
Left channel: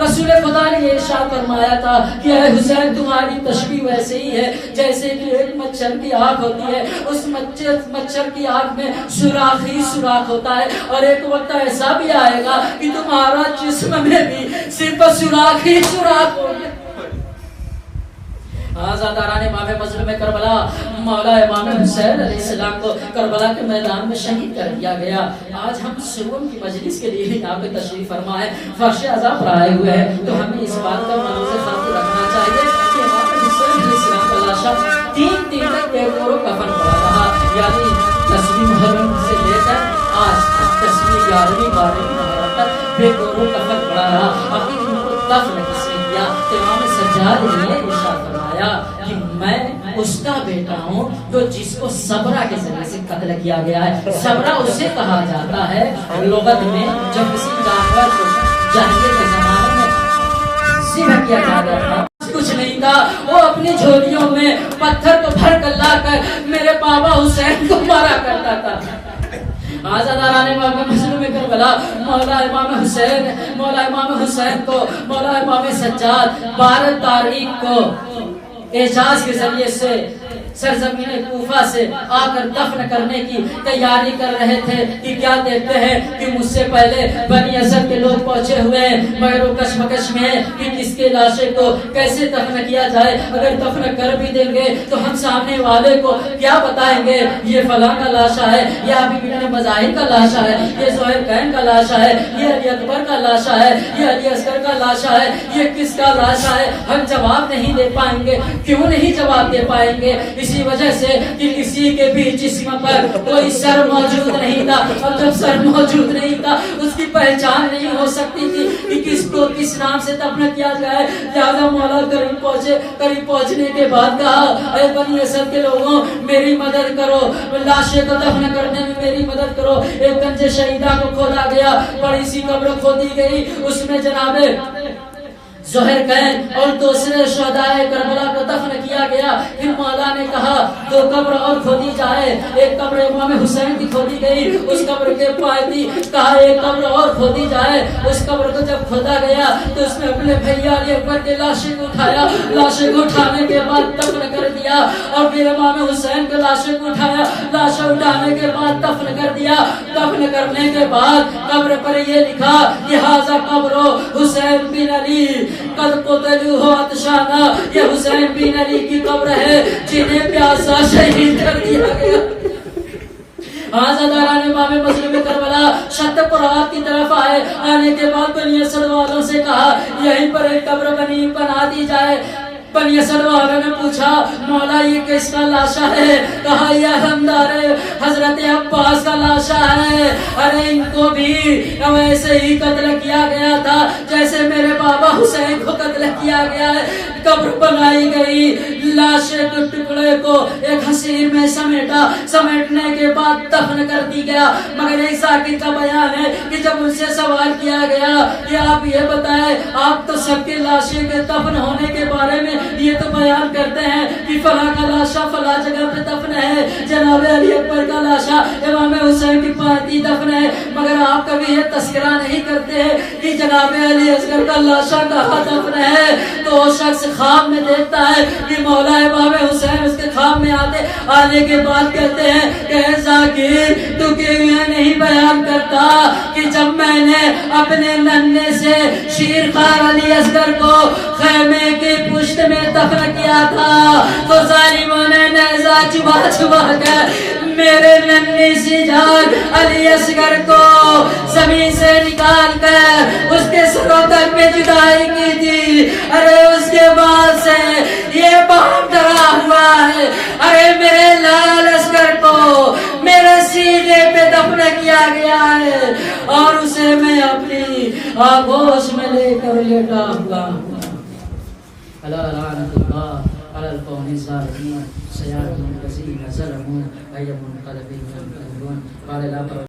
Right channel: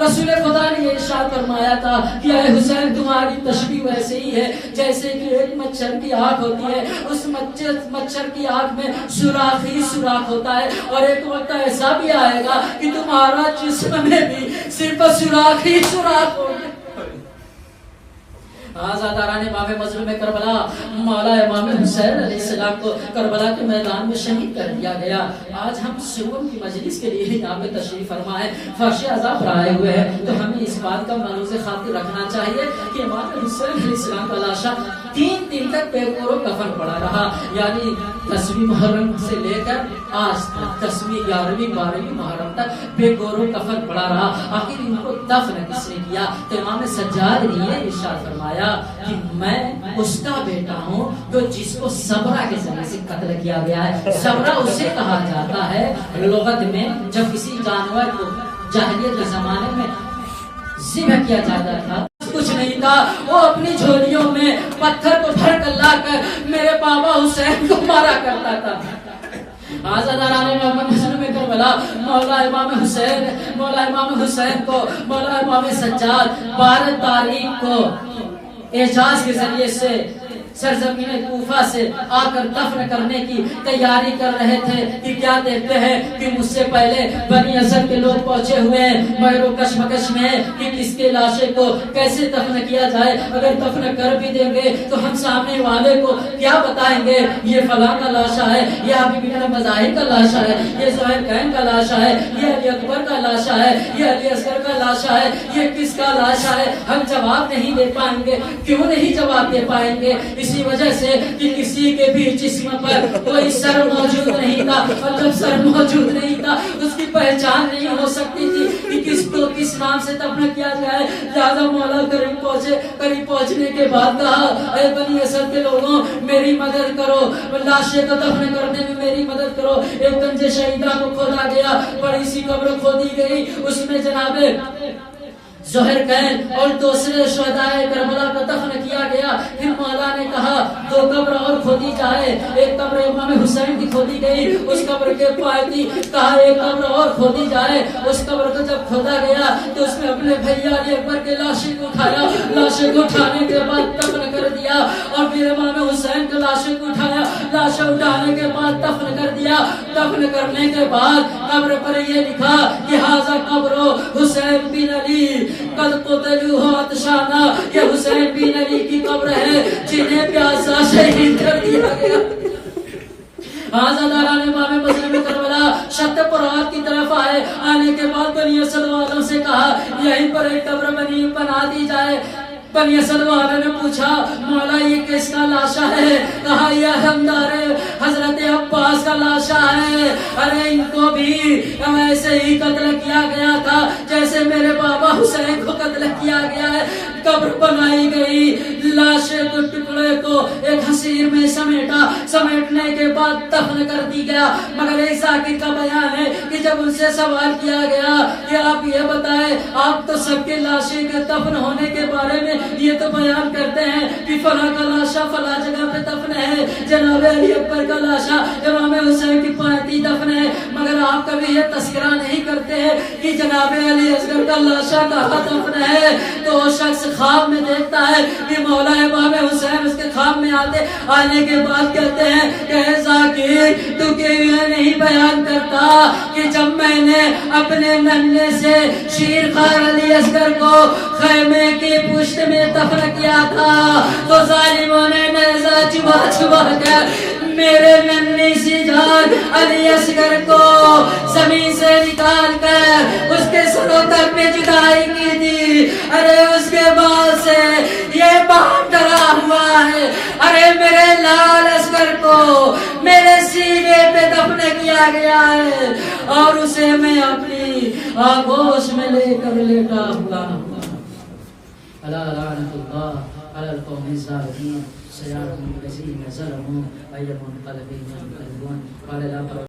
رسول خدا نے یہ ارشاد فرمایا تھا کہ اے حسین تمہاری تشبیہ ویسے ہی ہے جیسے کہ ایک مچھر کی آنکھ ہوتی ہے، اس مچھر کی آنکھ میں سوراخ ہی سوراخ ہوتا ہے، اور ایک وقت ایسا بھی آئے گا کہ تمہارا جسم میں بھی صرف سوراخ ہی سوراخ ہوگا. آزاداران امام مظلوم کربلا مولا امام حسین علیہ السلام کو کربلا کے میدان میں شہید کر دیا گیا. آج ہم سکون کی مجلس کے لیے یہاں پہ تشریف فرما ہے، فرش عذاب پر آئے ہوئے ہیں، تو ہمیں اس بات کا ملوز خاطر رکھنا چاہیے کہ امام حسین علیہ السلام کا لاشا 3 دن تک بے گور و کفن پڑا رہا، یعنی 10ویں محرم سے لے کر آج تک 10ویں 11ویں 12ویں محرم تک بے گور و کفن پڑا رہا. آخر ان کو دفن کس نے کیا؟ امام سجاد نے ارشاد فرمایا کہ میں اس کا بیٹا ہوں جو جس کو صبرہ کے ذریعے سے قتل کیا گیا ہے. صبرہ اسے کہا جاتا ہے لغت میں جب کسی جانور کو جاہلیت کے زمانے میں ذبح کیا جاتا تھا، کچھ نہیں تھا، وہ اپنی جھولیوں میں پتھر کو بھر کر لا کر میرے بابا حسین کو مارا کرتا تھا. آزاداران امام مظلوم کربلا مولا امام حسین کو مولا امام سجاد 12 تاریخ کو اعجاز کے ذریعے سے سرزمین کوفہ سے آ کر دفن کرنے کی تیاری کر رہے تھے کہ کیا دیکھتے ہیں کہ مجھ سے پہلے بنی اسد کے لوگ پہنچے ہوئے ہیں، مگر وہ کشمکش میں ہے کہ کس کے لاشے کو کیسے دفن کیا جائے. اگر دفن کر بھی دیں گے تو ہم سامنے والے کو کیا بتائیں گے یہ فلاں کا لاشا ہے، یہ حبیب بن مظاہر کا لاشا ہے، یہ زہیر کین کا لاشا ہے، یہ علی اکبر کا لاشا ہے، یہ علی اصغر کا لاشا ہے، یہ کس کا لاشا ہے. ہم جواب نہیں دے پائیں گے. کیوں نہیں جواب دے پائیں گے؟ اسی وجہ سے کہ کسی کے بھی جسم پر کوئی سر موجود نہیں تھا، اور جب سر موجود نہیں تھا اس کی پہچان نہیں ہو سکتی تھی کہ کس کو کس نام سے دفن کیا جائے. لہذا مولا قریب پہنچنے کے بعد کہا اے بنی اسد کے لوگوں میری مدد کرو، لاشیں کو دفن کرنے میں میری مدد کرو. ایک گنج شہیدہ کو کھودا گیا، بڑی سی قبر کھودی گئی، اس میں جناب زہیر کین اور دوسرے شہدائے کربلا کو دفن کیا گیا. پھر مولا نے کہا 2 قبر اور کھودی جائے. ایک قبر امام حسین کی کھودی گئی، اس قبر کے پاس کہا 1 قبر اور کھودی جائے. اس قبر کو جب کھودا گیا تو اس میں اپنے بھیا علی اکبر کے لاشیں کو اٹھایا، لاشیں کو اٹھانے کے بعد دفن کر دیا. اور پھر امام حسین کے لاشیں کو اٹھایا، لاشیں اٹھانے کے بعد دفن کر دیا. دفن کرنے کے بعد قبر پر یہ لکھا کہ ھذا قبر حسین بن علی قد قتلوا عطشانا، یہ حسین بن علی کی قبر ہے جنہیں پیاسا شہید کر دیا گیا. آزاداران امام مظلوم کربلا شط پرات کی طرف آئے. آنے کے بعد بنی اسد والوں سے کہا یہیں پر ایک قبر بنا دی جائے. بنی اسد والوں نے پوچھا مولا یہ کس کا لاشا ہے؟ کہا یہ حمدار حضرت عباس کا لاشا ہے. ارے ان کو بھی ویسے ہی قتل کیا گیا تھا جیسے میرے بابا حسین کو قتل کیا گیا ہے. قبر بنائی گئی، لاشیں کو ٹکڑے کو ایک حسیر میں سمیٹنے کے بعد دفن کر دی گیا۔ مگر ایک ذاکر کا بیان ہے کہ جب ان سے سوال کیا گیا کہ آپ یہ بتائیں، آپ تو سب کے لاشیں کے دفن ہونے کے بارے میں یہ تو بیان کرتے ہیں کہ فلاں کا لاشا فلاں جگہ پہ دفن ہے، جناب علی اکبر کا لاشا امام حسین کی پاتی دفن ہے، مگر آپ کبھی یہ تذکرہ نہیں کرتے ہیں کہ جناب علی اصغر کا لاشا کہاں دفن ہے۔ تو وہ شخص خواب میں دیکھتا ہے کہ مولا امام حسین اس کے خواب میں آنے کے بعد کہتے ہیں کہ ذاکر تو کیوں نہیں بیان کرتا کہ جب میں نے اپنے ننھے سے شیرخوار علی اصغر کو خیمے کی پشت میں دفن کیا تھا تو ظالموں نے نیزہ چبا کر میرے ننھی سی جان علی اصغر کو زمین سے نکال کر اس کے سروں تک پہ جدائی کی تھی۔ ارے اس کے بعد سے یہ باپ ڈرا ہوا ہے، ارے میرے لال اصغر کو میرے سینے پہ دفن کیا گیا ہے اور اسے میں اپنی آغوش میں لے کر لیٹا ہوا ہوں۔ الا لعنت اللہ علی القوم الظالمین سیأتی الذین ظلموا أي منقلب ينقلبون قال لا